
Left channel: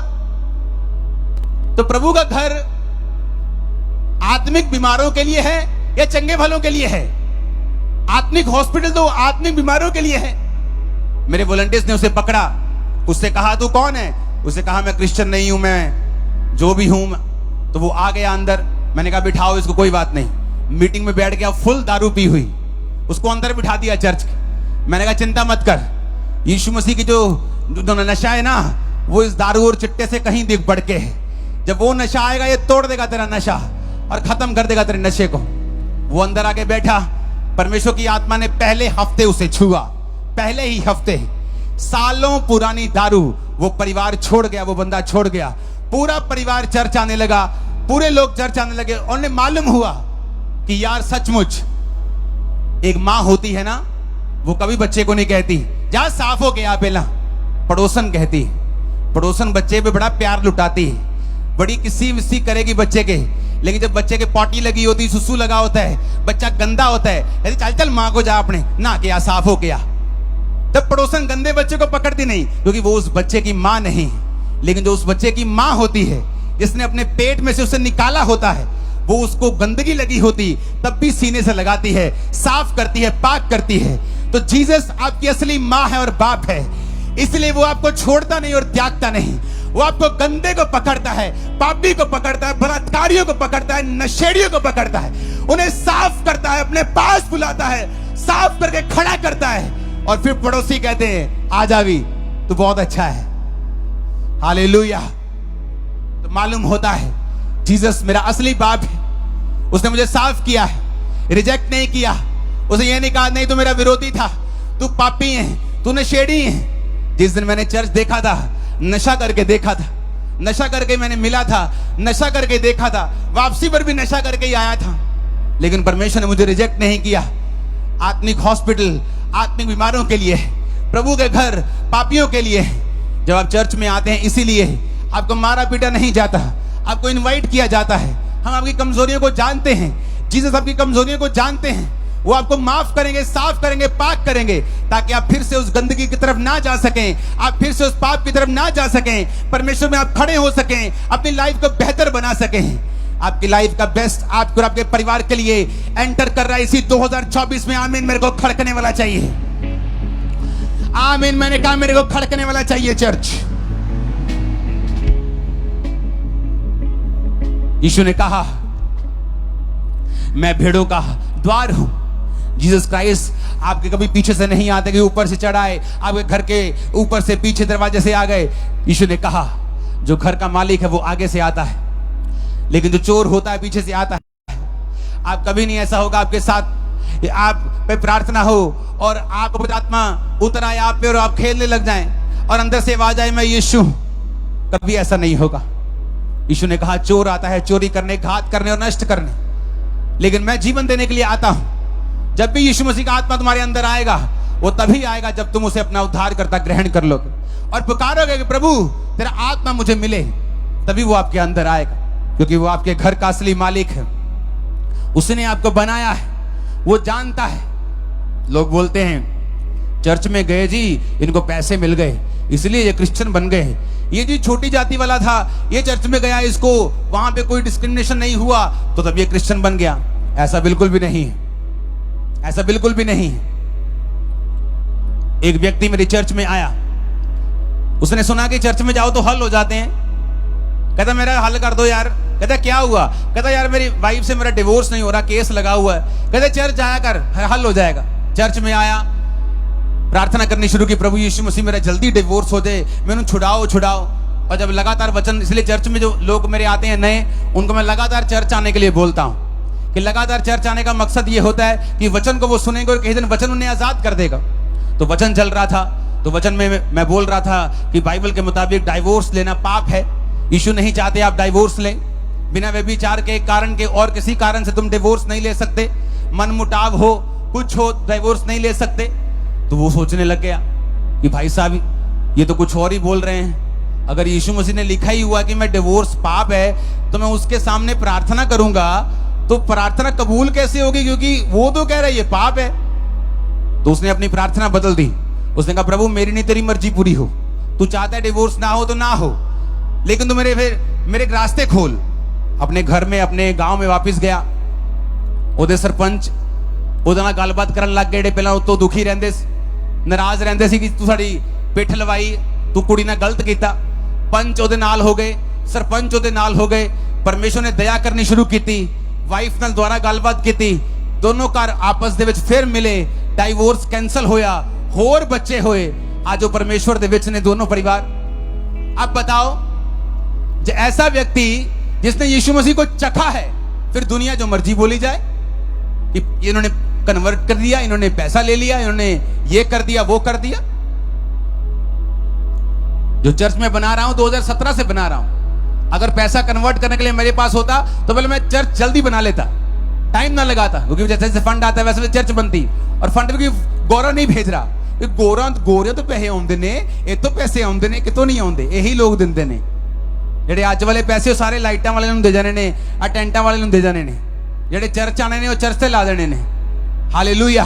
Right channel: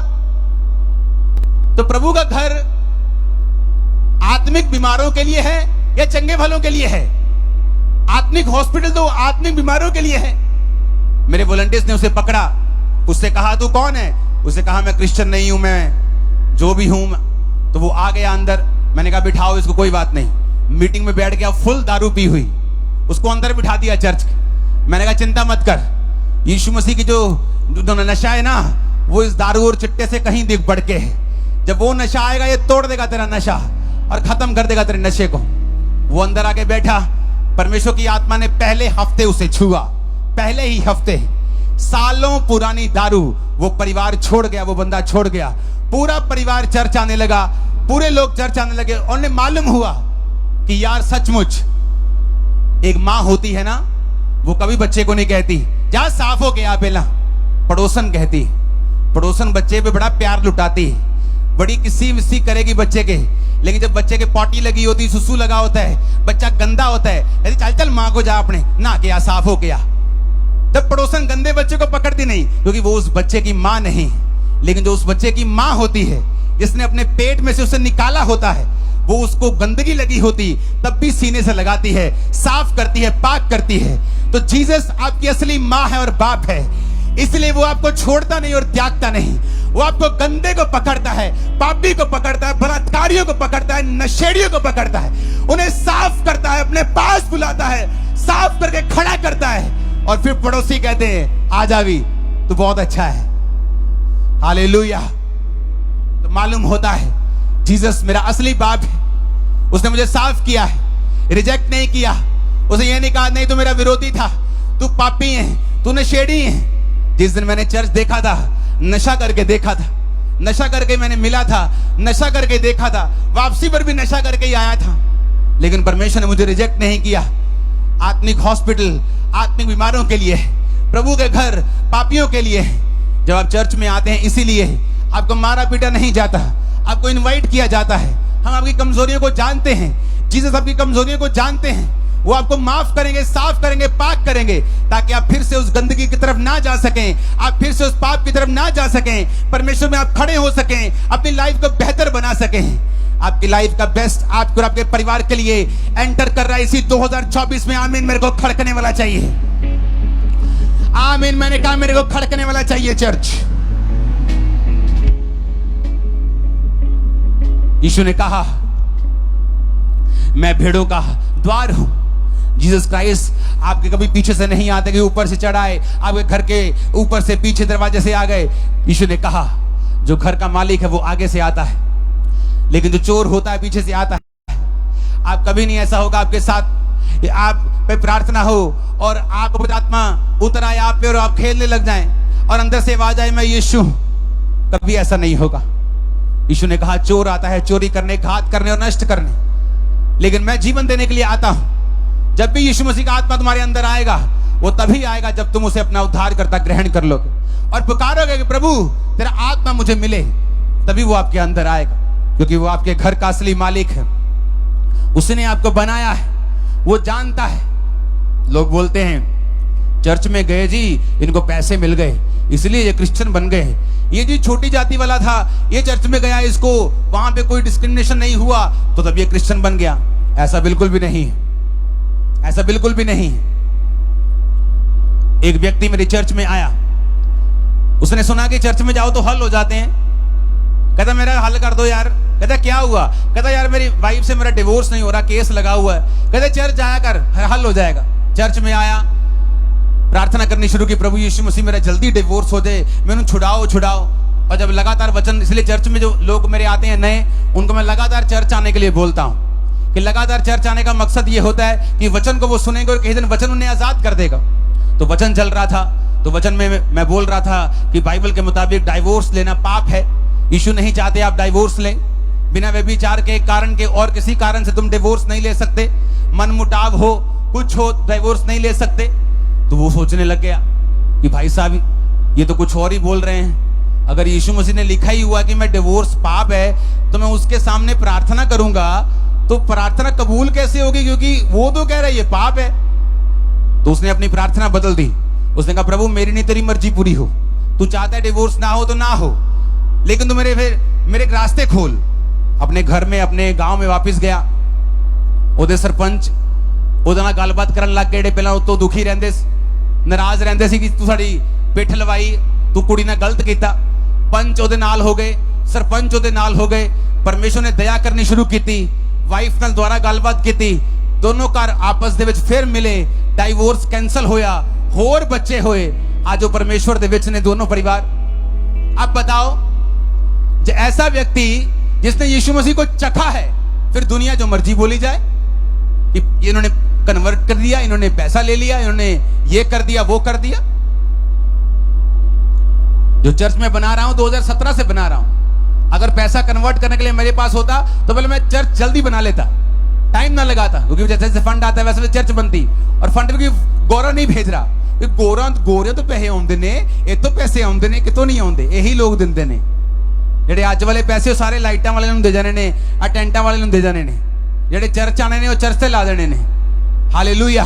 तो प्रभु का घर आत्मिक बीमारों के लिए है या चंगे भलों के लिए है? आत्मिक हॉस्पिटल तो आत्मिक बीमारों के लिए है। मेरे वॉलंटियर्स ने उसे पकड़ा, उससे कहा तू कौन है? उसे कहा मैं क्रिश्चियन नहीं हूं, मैं जो भी हूं। तो वो आ गया अंदर, मैंने कहा बिठाओ इसको, कोई बात नहीं। मीटिंग में बैठ गया, फुल दारू पी हुई, उसको अंदर बिठा दिया चर्च के। मैंने कहा चिंता मत कर, यीशु मसीह की जो नशा है ना, वो इस दारू और चिट्टे से कहीं दिख बढ़ के है। जब वो नशा आएगा ये तोड़ देगा तेरा नशा और खत्म कर देगा तेरे नशे को। वो अंदर आके बैठा, परमेश्वर की आत्मा ने पहले हफ्ते उसे छुआ, पहले ही हफ्ते। सालों पुरानी दारू वो परिवार छोड़ गया, वो बंदा छोड़ गया। पूरा परिवार चर्च आने लगा, पूरे लोग चर्च आने लगे। और उन्हें मालूम हुआ कि यार सचमुच एक माँ होती है ना, वो कभी बच्चे को नहीं कहती जा साफ हो गया, पहला पड़ोसन कहती। पड़ोसन बच्चे पे बड़ा प्यार लुटाती है, बड़ी किसी विसी करेगी बच्चे के। लेकिन जब बच्चे के पॉटी लगी होती, सुसु लगा होता है, बच्चा गंदा होता है, चल चल माँ को जा अपने ना किया, साफ हो गया। तब पड़ोसन गंदे बच्चे को पकड़ती नहीं, क्योंकि वो उस बच्चे की माँ नहीं है। लेकिन जो उस बच्चे की माँ होती है, जिसने अपने पेट में से उसे निकाला होता है, वो उसको गंदगी लगी होती तब भी सीने से लगाती है, साफ करती है, पाक करती है। तो जीसस आपकी असली माँ है और बाप है, इसलिए वो आपको छोड़ता नहीं और त्यागता नहीं। वो आपको गंदे को पकड़ता है, पापी को पकड़ता है, बलात्कारियों को पकड़ता है, नशेड़ियों को पकड़ता है, उन्हें साफ करता है, अपने पास बुलाता है, साफ करके खड़ा करता है। और फिर पड़ोसी कहते हैं आ जावी तू बहुत अच्छा है, हालेलुया। तो मालूम होता है जीसस मेरा असली बाप है, उसने मुझे साफ किया है, रिजेक्ट नहीं किया। उसे यह नहीं कहा नहीं तू मेरा विरोधी था, तू पापी है, तू नशेड़ी है। जिस दिन मैंने चर्च देखा था, नशा करके देखा था, नशा करके मैंने मिला था, नशा करके देखा था, वापसी पर भी नशा करके ही आया था, लेकिन परमेश्वर ने मुझे रिजेक्ट नहीं किया। आत्मिक हॉस्पिटल आत्मिक बीमारों के लिए है, प्रभु के घर पापियों के लिए है। जब आप चर्च में आते हैं इसीलिए आपको मारा पीटा नहीं जाता, आपको इनवाइट किया जाता है। हम आपकी कमजोरियों को जानते हैं, जीसस आपकी कमजोरियों को जानते हैं, वो आपको माफ करेंगे, साफ करेंगे, पाक करेंगे, ताकि आप फिर से उस गंदगी की तरफ ना जा सकें, आप फिर से उस पाप की तरफ ना जा सकें, परमेश्वर में आप खड़े हो सकें, अपनी लाइफ को बेहतर बना सकें। आपकी लाइफ का बेस्ट आपको और आपके परिवार के लिए एंटर कर रहा है इसी 2024 में। आमीन। मेरे को खड़कने वाला चाहिए, आमीन। मैंने कहा मेरे को खड़कने वाला चाहिए चर्च। यीशु ने कहा मैं भेड़ों का द्वार हूं। जीसस क्राइस्ट आपके कभी पीछे से नहीं आते कि ऊपर से चढ़ाए, आपके घर के ऊपर से पीछे दरवाजे से आ गए। यीशु ने कहा जो घर का मालिक है वो आगे से आता है, लेकिन जो चोर होता है पीछे से आता है। आप कभी नहीं ऐसा होगा आपके साथ, आप पे प्रार्थना हो और आप पवित्र आत्मा उतर आए आप पे और आप खेलने लग जाएं और अंदर से आवाज आए मैं यीशु, कभी ऐसा नहीं होगा। यीशु ने कहा चोर आता है चोरी करने, घात करने और नष्ट करने, लेकिन मैं जीवन देने के लिए आता हूं। जब भी यीशु मसीह का आत्मा तुम्हारे अंदर आएगा वो तभी आएगा जब तुम उसे अपना उद्धार करता ग्रहण कर लोगे और पुकारोगे कि प्रभु तेरा आत्मा मुझे मिले, तभी वो आपके अंदर आएगा, क्योंकि वो आपके घर का असली मालिक है। उसने आपको बनाया है, वो जानता है। लोग बोलते हैं चर्च में गए जी इनको पैसे मिल गए इसलिए ये क्रिश्चियन बन गए, ये जी छोटी जाति वाला था ये चर्च में गया, इसको वहां पे कोई डिस्क्रिमिनेशन नहीं हुआ तो तब ये क्रिश्चियन बन गया। ऐसा बिल्कुल भी नहीं है, ऐसा बिल्कुल भी नहीं है। एक व्यक्ति मेरी चर्च में आया, उसने सुना कि चर्च में जाओ तो हल हो जाते हैं। कहता मेरा हल कर दो यार। कहता क्या हुआ? कहता यार मेरी वाइफ से मेरा डिवोर्स नहीं हो रहा, केस लगा हुआ है। कहता चर्च आया कर, हल हो जाएगा। चर्च में आया, प्रार्थना करनी शुरू की, प्रभु यीशु मसीह मेरा जल्दी डिवोर्स हो जाए, मैंने छुड़ाओ छुड़ाओ। और जब लगातार वचन, इसलिए चर्च में जो लोग मेरे आते हैं नए, उनको मैं लगातार चर्च आने के लिए बोलता हूं कि लगातार चर्च आने का मकसद ये होता है कि वचन को वो सुनेंगे और कहीं दिन वचन उन्हें आजाद कर देगा। तो वचन चल रहा था, तो वचन में मैं बोल रहा था कि बाइबल के मुताबिक डाइवोर्स लेना पाप है। यीशु नहीं चाहते आप डाइवोर्स लें। बिना व्यभिचार के कारण के और किसी कारण से तुम डिवोर्स नहीं ले सकते। मनमुटाव हो, कुछ हो, डाइवोर्स नहीं ले सकते। तो वो सोचने लग गया कि भाई साहब ये तो कुछ और ही बोल रहे हैं। अगर यीशु मसीह ने लिखा ही हुआ कि मैं डिवोर्स पाप है, तो मैं उसके सामने प्रार्थना करूंगा तो प्रार्थना कबूल कैसे होगी, क्योंकि वो तो कह रहा है ये पाप है। तो उसने अपनी प्रार्थना बदल दी। उसने कहा प्रभु मेरी नहीं तेरी मर्जी पूरी हो, तू चाहता है डिवोर्स ना हो तो ना हो, लेकिन तू मेरे रास्ते खोल। अपने घर में, अपने गांव में वापस गया। ਉਹਦੇ ਸਰਪੰਚ ਉਹਦੇ ਨਾਲ ਗੱਲਬਾਤ ਕਰਨ ਲੱਗ ਗਏ। ਜਿਹੜੇ ਪਹਿਲਾਂ ਉਤੋਂ ਦੁਖੀ ਰਹਿੰਦੇ ਸੀ, ਨਾਰਾਜ਼ ਰਹਿੰਦੇ ਸੀ ਕਿ ਤੂੰ ਸਾਡੀ ਪਿੱਠ ਲਵਾਈ, ਤੂੰ ਕੁੜੀ ਨਾਲ ਗਲਤ ਕੀਤਾ। ਪੰਚ ਉਹਦੇ ਨਾਲ ਹੋ ਗਏ, ਸਰਪੰਚ ਉਹਦੇ ਨਾਲ ਹੋ ਗਏ। ਪਰਮੇਸ਼ਰ ਨੇ ਦਇਆ ਕਰਨੀ ਸ਼ੁਰੂ ਕੀਤੀ, ਵਾਈਫ ਨਾਲ ਦੁਆਰਾ ਗੱਲਬਾਤ ਕੀਤੀ। ਦੋਨੋਂ ਘਰ ਆਪਸ ਦੇ ਵਿੱਚ ਫਿਰ ਮਿਲੇ, ਡਾਈਵੋਰਸ कैंसल ਹੋਇਆ, ਹੋਰ ਬੱਚੇ ਹੋਏ। आज वो परमेश्वर दे विच ने दोनों परिवार। अब बताओ, जो ऐसा व्यक्ति जिसने यीशु मसीह को चखा है, फिर दुनिया जो मर्जी बोली जाए कि इन्होंने कन्वर्ट कर दिया, इन्होंने पैसा ले लिया, इन्होंने ये कर दिया, वो कर दिया। जो चर्च में बना रहा हूं 2017 से बना रहा हूं। अगर पैसा कन्वर्ट करने के लिए मेरे पास होता तो पहले मैं चर्च जल्दी बना लेता, टाइम ना लगाता, क्योंकि जैसे जैसे फंड आता है वैसे चर्च बनती। और फंड भी गौरा नहीं भेज रहा, गोरे तो पैसे आउंदे ने, ये तो पैसे आउंदे ने, कितों नहीं आउंदे, यही लोग दिंदे ने। ਜਿਹੜੇ ਅੱਜ ਵਾਲੇ ਪੈਸੇ ਸਾਰੇ ਲਾਈਟਾਂ ਵਾਲੇ ਨੂੰ ਦੇ ਜਾਣੇ ਨੇ, ਆ ਟੈਂਟਾਂ ਵਾਲੇ ਨੂੰ ਦੇ ਜਾਣੇ ਨੇ। ਜਿਹੜੇ ਚਰਚ ਆਣੇ ਨੇ ਉਹ ਚਰਚ ਤੇ ਲਾ देने ने। हालेलुया।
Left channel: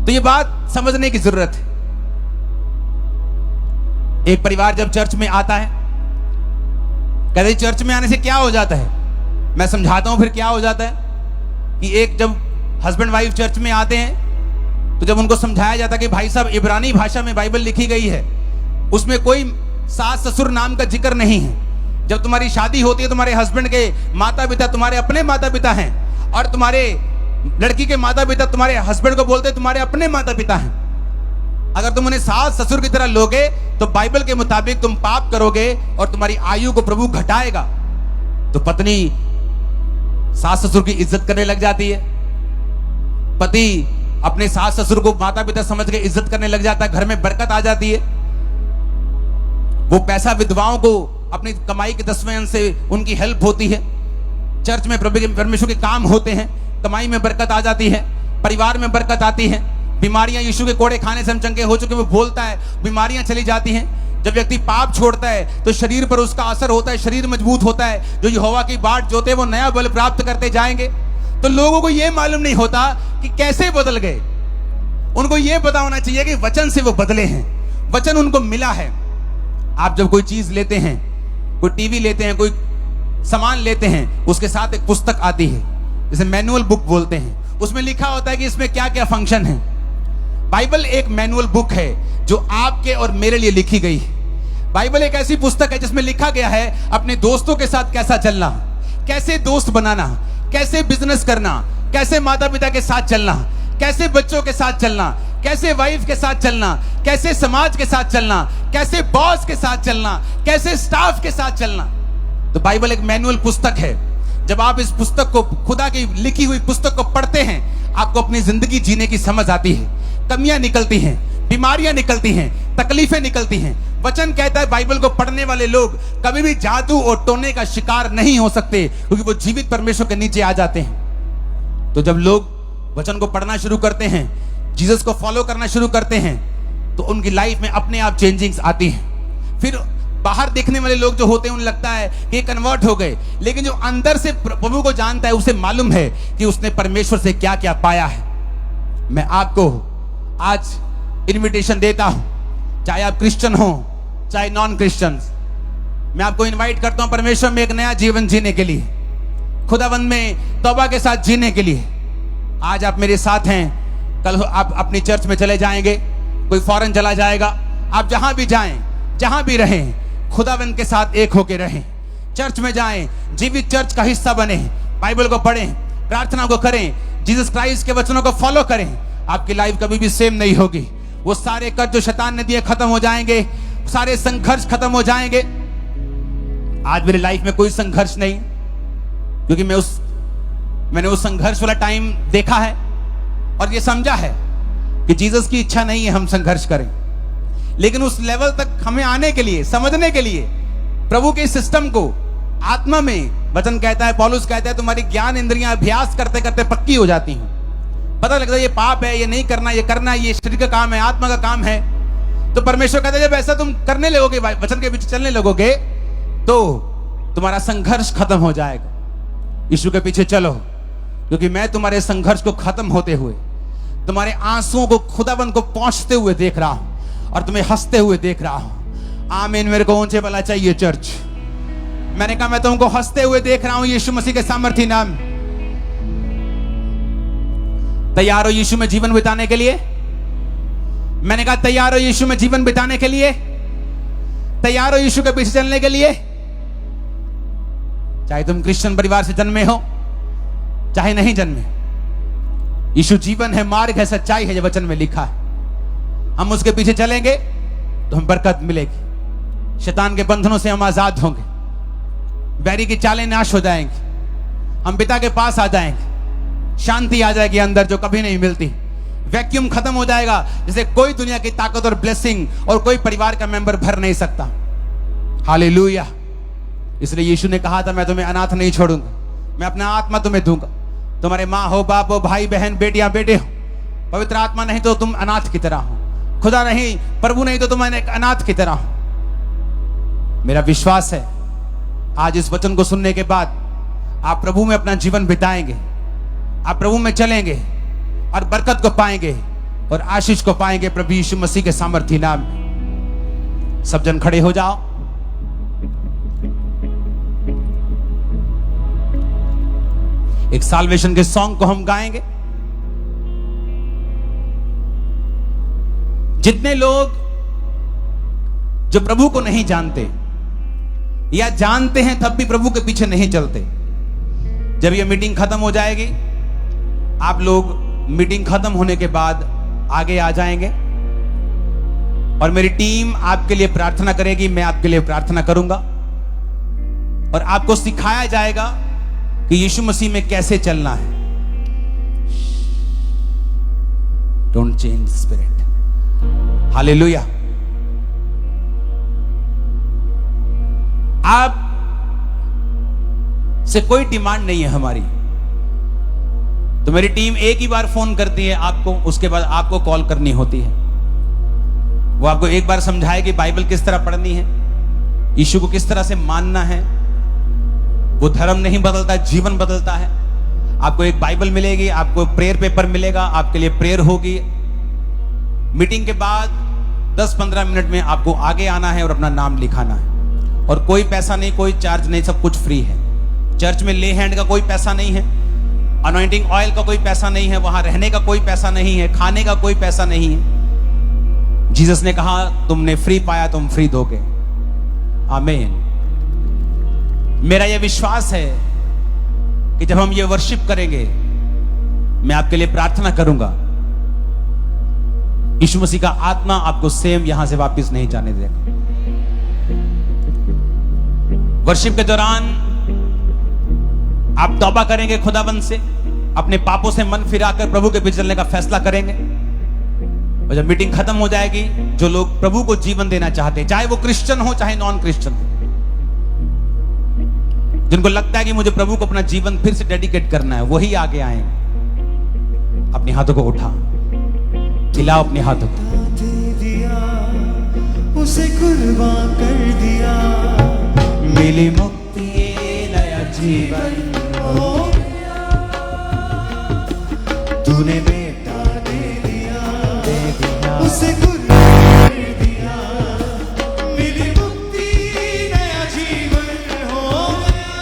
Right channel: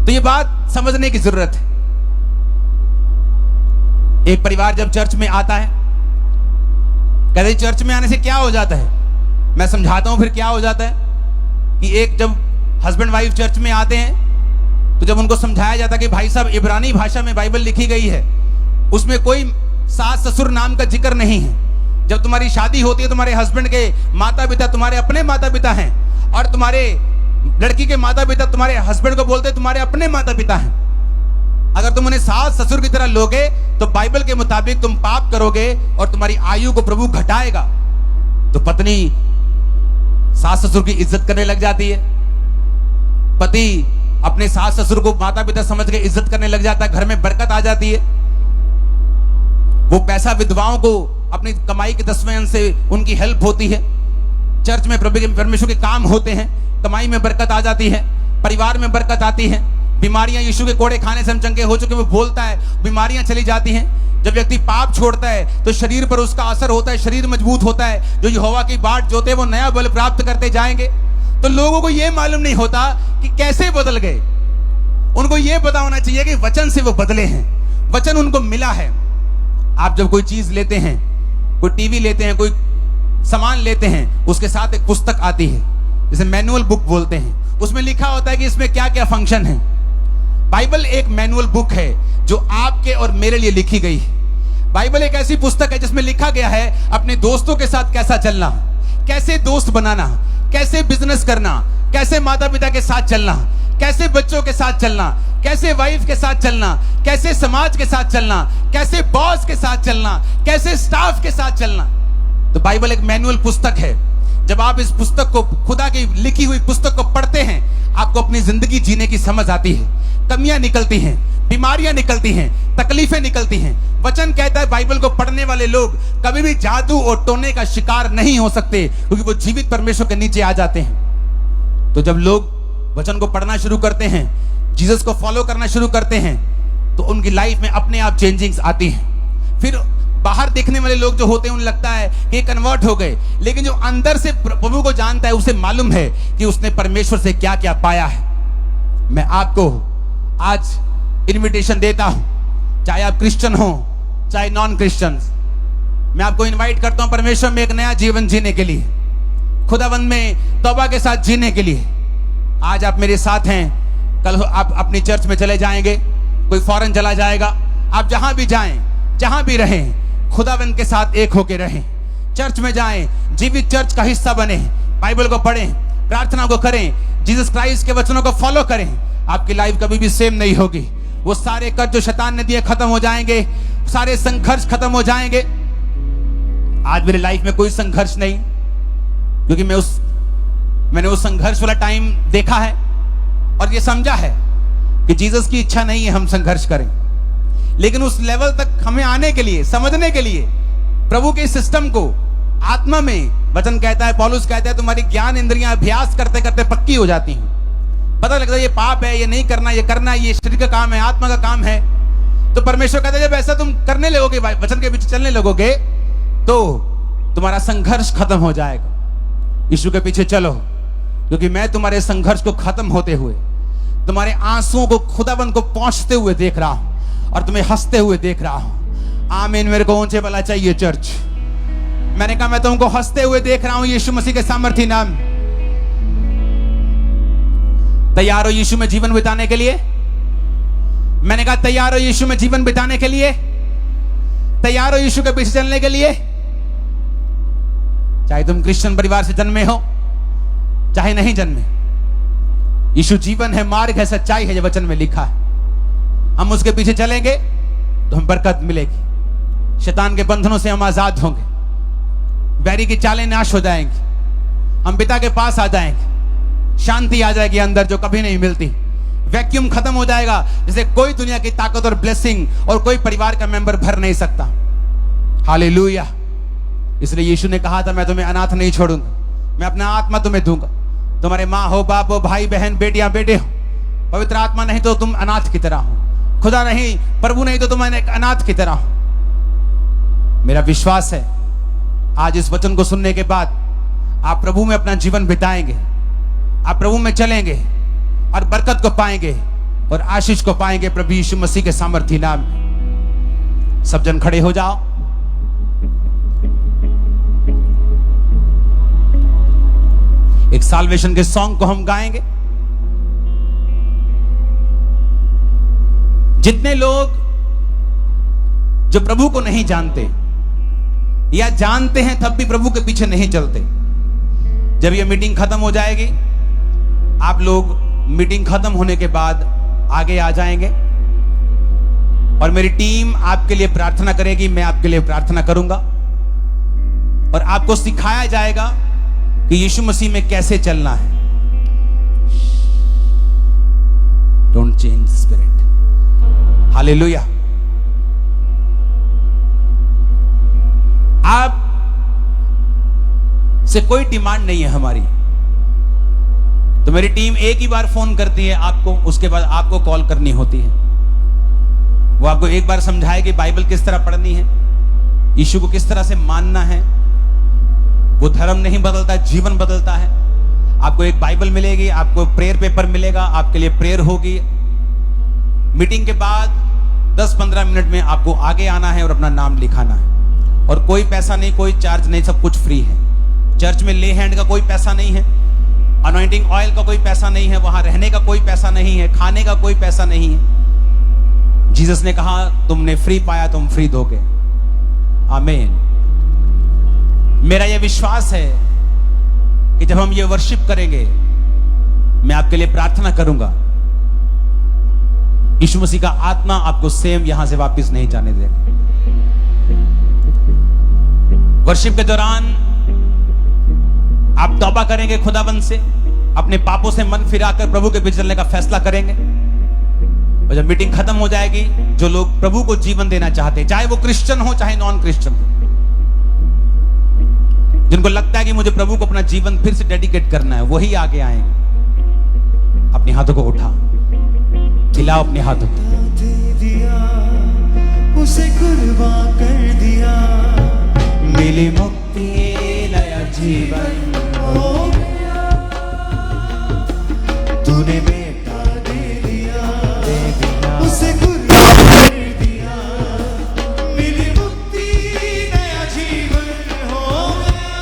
तो ये बात समझने की जरूरत है। एक परिवार जब चर्च में आता है, कहते चर्च में आने से क्या हो जाता है, मैं समझाता हूं फिर क्या हो जाता है। कि एक जब हस्बैंड वाइफ चर्च में आते हैं तो जब उनको समझाया जाता है कि भाई साहब इब्रानी भाषा में बाइबल लिखी गई है, उसमें कोई सास ससुर नाम का जिक्र नहीं है। जब तुम्हारी शादी होती है, तुम्हारे हस्बैंड के माता पिता तुम्हारे अपने माता पिता हैं, और तुम्हारे लड़की के माता पिता तुम्हारे हस्बैंड को बोलते तुम्हारे अपने माता पिता हैं। अगर तुम उन्हें सास ससुर की तरह लोगे तो बाइबल के मुताबिक तुम पाप करोगे और तुम्हारी आयु को प्रभु घटाएगा। तो पत्नी सास ससुर की इज्जत करने लग जाती है, पति अपने सास ससुर को माता पिता समझ के इज्जत करने लग जाता है, घर में बरकत आ जाती है। वो पैसा विधवाओं को अपनी कमाई के 10वें अंश से उनकी हेल्प होती है। चर्च में प्रभु के परमेश्वर के काम होते हैं, कमाई में बरकत आ जाती है, परिवार में बरकत आती है। बीमारियां यीशु के कोड़े खाने से हम चंगे हो चुके, वो बोलता है बीमारियां चली जाती हैं। जब व्यक्ति पाप छोड़ता है तो शरीर पर उसका असर होता है, शरीर मजबूत होता है। जो यहोवा की बाट जोते वो नया बल प्राप्त करते जाएंगे। तो लोगों को यह मालूम नहीं होता कि कैसे बदल गए। उनको यह पता होना चाहिए कि वचन से वो बदले हैं, वचन उनको मिला है। आप जब कोई चीज लेते हैं, कोई टीवी लेते हैं, कोई सामान लेते हैं, उसके साथ एक पुस्तक आती है, जिसे मैनुअल बुक बोलते हैं। उसमें लिखा होता है कि इसमें क्या क्या फंक्शन है। बाइबल एक मैनुअल बुक है जो आपके और मेरे लिए लिखी गई है। बाइबल एक ऐसी पुस्तक है जिसमें लिखा गया है अपने दोस्तों के साथ कैसा चलना, कैसे दोस्त बनाना, कैसे बिजनेस करना, कैसे माता पिता के साथ चलना, कैसे बच्चों के साथ चलना, कैसे वाइफ के साथ चलना, कैसे समाज के साथ चलना, कैसे बॉस के साथ चलना, कैसे स्टाफ के साथ चलना। तो बाइबल एक मैनुअल पुस्तक है। जब आप इस पुस्तक को, खुदा की लिखी हुई पुस्तक को पढ़ते हैं, आपको अपनी जिंदगी जीने की समझ आती है। कमियां निकलती हैं, बीमारियां निकलती हैं, तकलीफें निकलती हैं। वचन कहता है बाइबल को पढ़ने वाले लोग कभी भी जादू और टोने का शिकार नहीं हो सकते, क्योंकि वो जीवित परमेश्वर के नीचे आ जाते हैं। तो जब लोग वचन को पढ़ना शुरू करते हैं, जीसस को फॉलो करना शुरू करते हैं, तो उनकी लाइफ में अपने आप चेंजिंग्स आती हैं। फिर बाहर देखने वाले लोग जो होते हैं उन्हें लगता है कि कन्वर्ट हो गए, लेकिन जो अंदर से प्रभु को जानता है उसे मालूम है कि उसने परमेश्वर से क्या क्या पाया है। मैं आपको आज इनविटेशन देता हूं, चाहे आप क्रिश्चियन हो चाहे नॉन क्रिश्चियन, मैं आपको इनवाइट करता हूं परमेश्वर में एक नया जीवन जीने के लिए। खुदावंद में तौबा के साथ जीने के लिए। आज आप मेरे साथ हैं, कल आप अपनी चर्च में चले जाएंगे, कोई फॉरेन चला जाएगा। आप जहां भी जाएं, जहां भी रहें, खुदावंद के साथ एक होके रहें। चर्च में जाएं, जीवित चर्च का हिस्सा बने, बाइबल को पढ़ें, प्रार्थना को करें, जीसस क्राइस्ट के वचनों को फॉलो करें। आपकी लाइफ कभी भी सेम नहीं होगी। वो सारे कष्ट जो शैतान ने दिए खत्म हो जाएंगे, सारे संघर्ष खत्म हो जाएंगे। आज मेरी लाइफ में कोई संघर्ष नहीं, क्योंकि मैंने उस संघर्ष वाला टाइम देखा है और ये समझा है कि जीसस की इच्छा नहीं है हम संघर्ष करें। लेकिन उस लेवल तक हमें आने के लिए, समझने के लिए, प्रभु के सिस्टम को आत्मा में, वचन कहता है, पौलुस कहता है, तुम्हारी ज्ञान इंद्रियां अभ्यास करते करते पक्की हो जाती हैं। पता लगता है ये पाप है, ये नहीं करना, ये करना, ये शरीर का काम है, आत्मा का काम है। तो परमेश्वर कहता है जब ऐसा तुम करने लगोगे, वचन के पीछे चलने लगोगे, तो तुम्हारा संघर्ष खत्म हो जाएगा। यीशु के पीछे चलो, क्योंकि मैं तुम्हारे संघर्ष को खत्म होते हुए, तुम्हारे आंसुओं को खुदाबंद को पहुंचते हुए देख रहा हूं और तुम्हें हंसते हुए देख रहा हूं। आमीन। मेरे को ऊंचे वाला चाहिए चर्च। मैंने कहा मैं तुमको हंसते हुए देख रहा हूं यीशु मसीह के सामर्थी नाम। तैयार हो यीशु में जीवन बिताने के लिए? मैंने कहा तैयार हो यीशु में जीवन बिताने के लिए? तैयार हो यीशु के पीछे चलने के लिए? चाहे तुम क्रिश्चियन परिवार से जन्मे हो, चाहे नहीं जन्मे, यीशु जीवन है, मार्ग है, सच्चाई है, ये वचन में लिखा है। हम उसके पीछे चलेंगे तो हम बरकत मिलेगी, शैतान के बंधनों से हम आजाद होंगे, बैरी की चालें नाश हो जाएंगी, हम पिता के पास आ जाएंगे, शांति आ जाएगी अंदर जो कभी नहीं मिलती, वैक्यूम खत्म हो जाएगा जिसे कोई दुनिया की ताकत और ब्लेसिंग और कोई परिवार का मेंबर भर नहीं सकता। हालेलुया। इसलिए यीशु ने कहा था मैं तुम्हें अनाथ नहीं छोड़ूंगा, मैं अपना आत्मा तुम्हें दूंगा। तुम्हारे माँ हो, बाप हो, भाई बहन, बेटियां बेटे हो, पवित्र आत्मा नहीं तो तुम अनाथ की तरह हो, खुदा नहीं, प्रभु नहीं तो तुम एक अनाथ की तरह हो। मेरा विश्वास है आज इस वचन को सुनने के बाद आप प्रभु में अपना जीवन बिताएंगे, आप प्रभु में चलेंगे और बरकत को पाएंगे और आशीष को पाएंगे प्रभु यीशु मसीह के सामर्थी नाम में। सब जन खड़े हो जाओ। एक साल्वेशन के सॉन्ग को हम गाएंगे। जितने लोग जो प्रभु को नहीं जानते या जानते हैं तब भी प्रभु के पीछे नहीं चलते, जब यह मीटिंग खत्म हो जाएगी, आप लोग मीटिंग खत्म होने के बाद आगे आ जाएंगे और मेरी टीम आपके लिए प्रार्थना करेगी, मैं आपके लिए प्रार्थना करूंगा और आपको सिखाया जाएगा कि यीशु मसीह में कैसे चलना है। Don't change spirit. हालेलुया। आप से कोई डिमांड नहीं है हमारी, तो मेरी टीम एक ही बार फोन करती है आपको, उसके बाद आपको कॉल करनी होती है। वो आपको एक बार समझाएगी बाइबल किस तरह पढ़नी है, यीशु को किस तरह से मानना है। वो धर्म नहीं बदलता, जीवन बदलता है। आपको एक बाइबल मिलेगी, आपको प्रेयर पेपर मिलेगा, आपके लिए प्रेयर होगी। मीटिंग के बाद 10-15 मिनट में आपको आगे आना है और अपना नाम लिखाना है, और कोई पैसा नहीं, कोई चार्ज नहीं, सब कुछ फ्री है। चर्च में ले हैंड का कोई पैसा नहीं है, अनॉइंटिंग ऑयल का कोई पैसा नहीं है, वहां रहने का कोई पैसा नहीं है, खाने का कोई पैसा नहीं है। जीसस ने कहा तुमने फ्री पाया, तुम फ्री दोगे। आमीन। मेरा यह विश्वास है कि जब हम ये वर्शिप करेंगे, मैं आपके लिए प्रार्थना करूंगा, यीशु मसीह का आत्मा आपको सेम यहां से वापस नहीं जाने देगा। वर्शिप के दौरान आप तौबा करेंगे खुदाबंद से, अपने पापों से मन फिराकर प्रभु के पीछे चलने का फैसला करेंगे। और जब मीटिंग खत्म हो जाएगी, जो लोग प्रभु को जीवन देना चाहते हैं, चाहे वो क्रिश्चियन हो चाहे नॉन क्रिश्चियन हो, जिनको लगता है कि मुझे प्रभु को अपना जीवन फिर से डेडिकेट करना है, वही आगे आएंगे। अपने हाथों को उठा, हिलाओ अपने हाथों को। दे दिया, उसे कुर्बान कर दिया, मिली मुक्ति नया जीवन हो गया। तूने बेटा दे दिया, उसे कुर्बान कर दिया, मिली मुक्ति नया जीवन हो गया।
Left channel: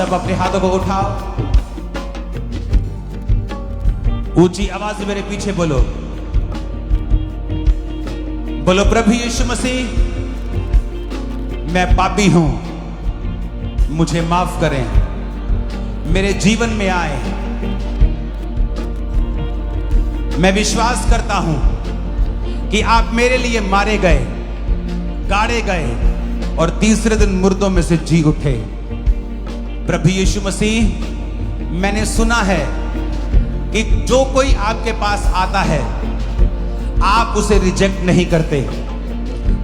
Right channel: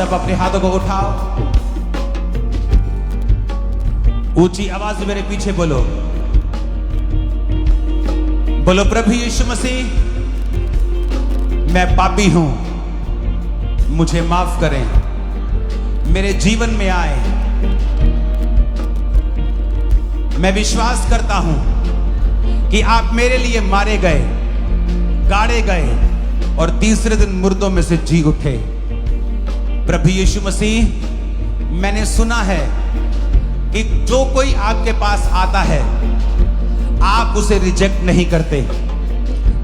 सब अपने हाथों को उठाओ, ऊंची आवाज में मेरे पीछे बोलो, बोलो प्रभु यीशु मसीह, मैं पापी हूं, मुझे माफ करें, मेरे जीवन में आए। मैं विश्वास करता हूं कि आप मेरे लिए मारे गए, गाड़े गए और तीसरे दिन मुर्दों में से जी उठे। प्रभु यीशु मसीह, मैंने सुना है कि जो कोई आपके पास आता है आप उसे रिजेक्ट नहीं करते,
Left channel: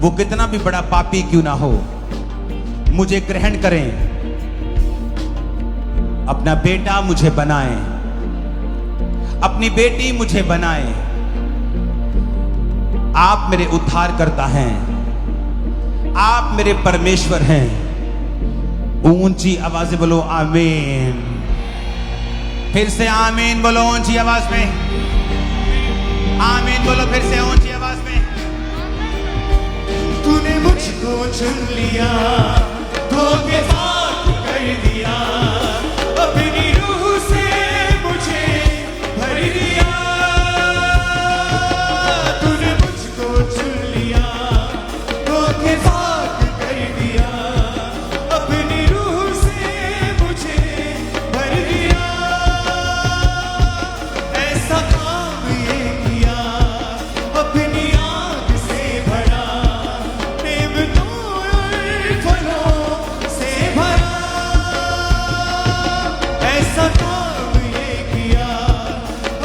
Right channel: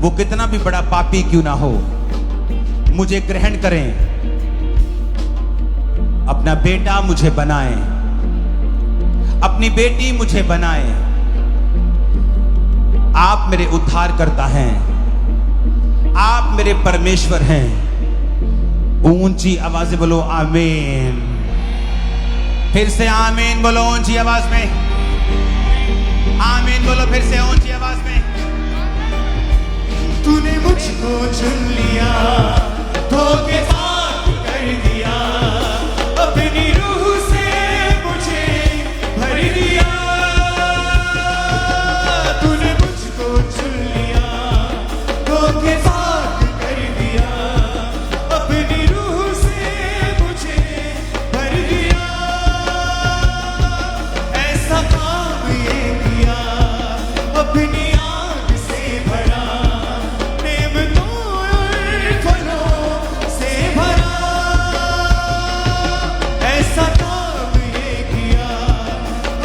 वो कितना भी बड़ा पापी क्यों ना हो। मुझे ग्रहण करें, अपना बेटा मुझे बनाएं, अपनी बेटी मुझे बनाएं। आप मेरे उद्धारकर्ता हैं, आप मेरे परमेश्वर हैं। ऊंची आवाज से बोलो आमीन। फिर से आमीन बोलो ऊंची आवाज में, आमीन बोलो फिर से ऊंची आवाज में। तूने मुझको चुन लिया, धोखेबाज कर दिया, अपनी रूह से मुझे भर दिया। तूने मुझको चुन लिया, धोखेबाज कर दिया, अपनी रूह से मुझे भर दिया। ऐसा काम ये किया, अपनी आग से भरा, नेमतों और फलों से भरा। ऐसा काम ये किया,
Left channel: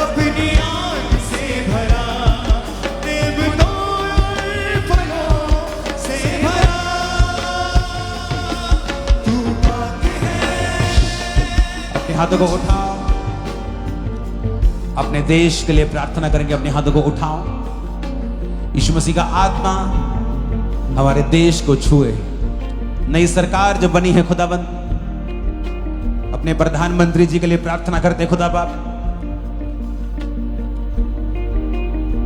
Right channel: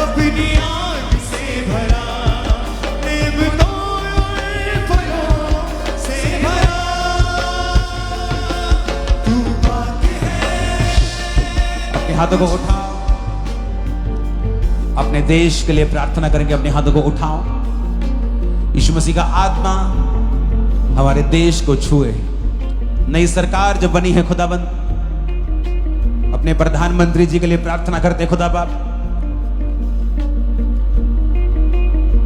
अपनी आग से भरा, नेमतों और फलों से भरा। तू पाक है। अपने हाथों को उठाओ, अपने देश के लिए प्रार्थना करेंगे। अपने हाथों को उठाओ, यीशु मसीह का आत्मा हमारे देश को छुए। नई सरकार जो बनी है खुदाबंद, अपने प्रधानमंत्री जी के लिए प्रार्थना करते हैं खुदा बाप।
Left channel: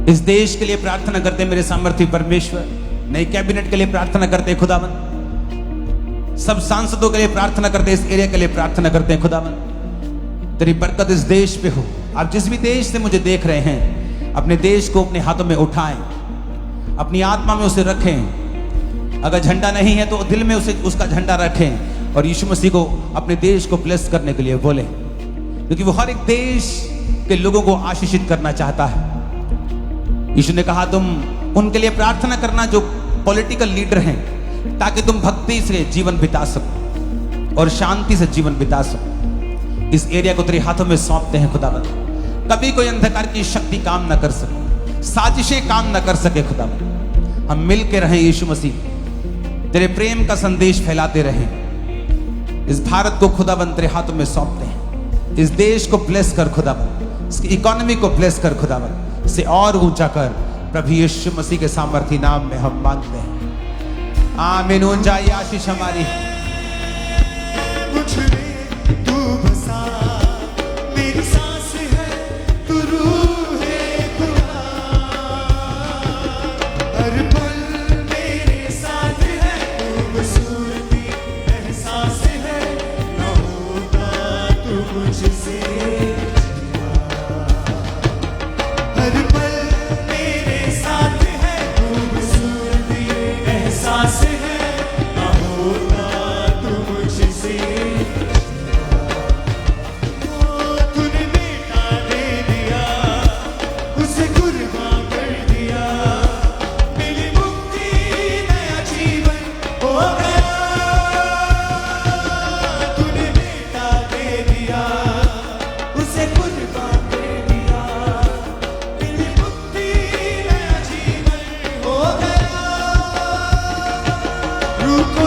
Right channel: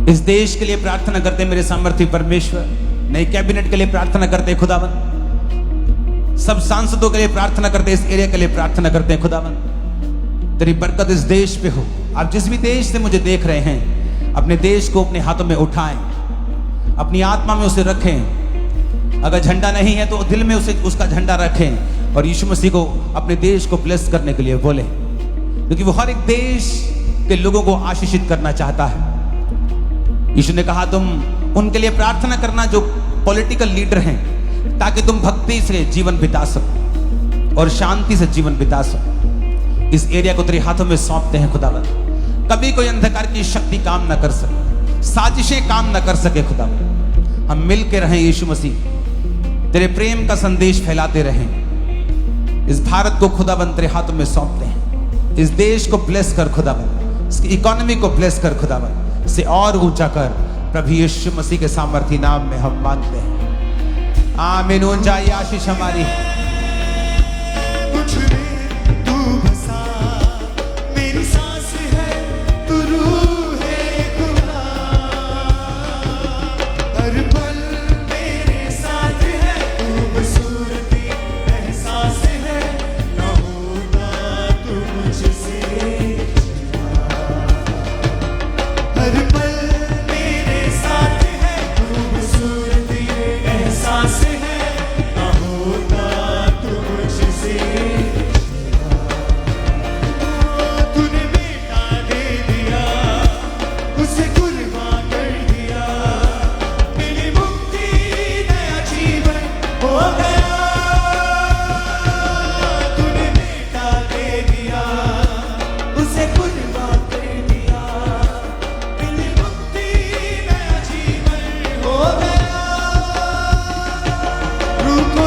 इस देश के लिए प्रार्थना करते हैं मेरे सामर्थ्य परमेश्वर। नई कैबिनेट के लिए प्रार्थना करते हैं खुदाबंद। सब सांसदों के लिए प्रार्थना करते हैं, इस एरिया के लिए प्रार्थना करते हैं खुदाबंद। तेरी बरकत इस देश पे हो। आप जिस भी देश से मुझे देख रहे हैं, अपने देश को अपने हाथों में उठाएं, अपनी आत्मा में उसे रखें। अगर झंडा नहीं है तो दिल में उसे उसका झंडा रखें और यीशु मसीह को अपने देश को ब्लेस करने के लिए बोले, क्योंकि वो हर एक देश के लोगों को आशीषित करना चाहता है। यीशु ने कहा तुम उनके लिए प्रार्थना करना जो पॉलिटिकल लीडर हैं, ताकि तुम भक्ति से जीवन बिता सको और शांति से जीवन बिता सको। इस एरिया को तेरे हाथों में सौंपते हैं खुदावंद। कभी कोई अंधकार की शक्ति काम न कर सके, साजिशें काम न कर सके खुदावंद। हम मिल के रहें यीशु मसीह, तेरे प्रेम का संदेश फैलाते रहें। इस भारत को खुदावंद तेरे हाथों में सौंपते हैं। इस देश को ब्लेस कर खुदावंद, इसकी इकोनॉमी को ब्लेस कर खुदावंद, से और ऊंचा कर। प्रभु यीशु मसीह के सामर्थी नाम में हम मांगते हैं, आमीन। ऊंचा ये आशीष हमारी। मुझ में तू बसा, मेरी सांस है, तू रूह है खुदा। हर पल मेरे साथ है, खूबसूरती एहसास है, न होता तू मुझसे जुदा। हर पल मेरे साथ है, खूबसूरती एहसास है, न होता तू मुझसे। तूने बेटा दे दिया, उसे कुर्बान कर दिया, मिली मुक्ति, नया जीवन हो गया। तूने बेटा दे दिया, उसे कुर्बान कर दिया, मिली मुक्ति, नया जीवन हो गया। रूह को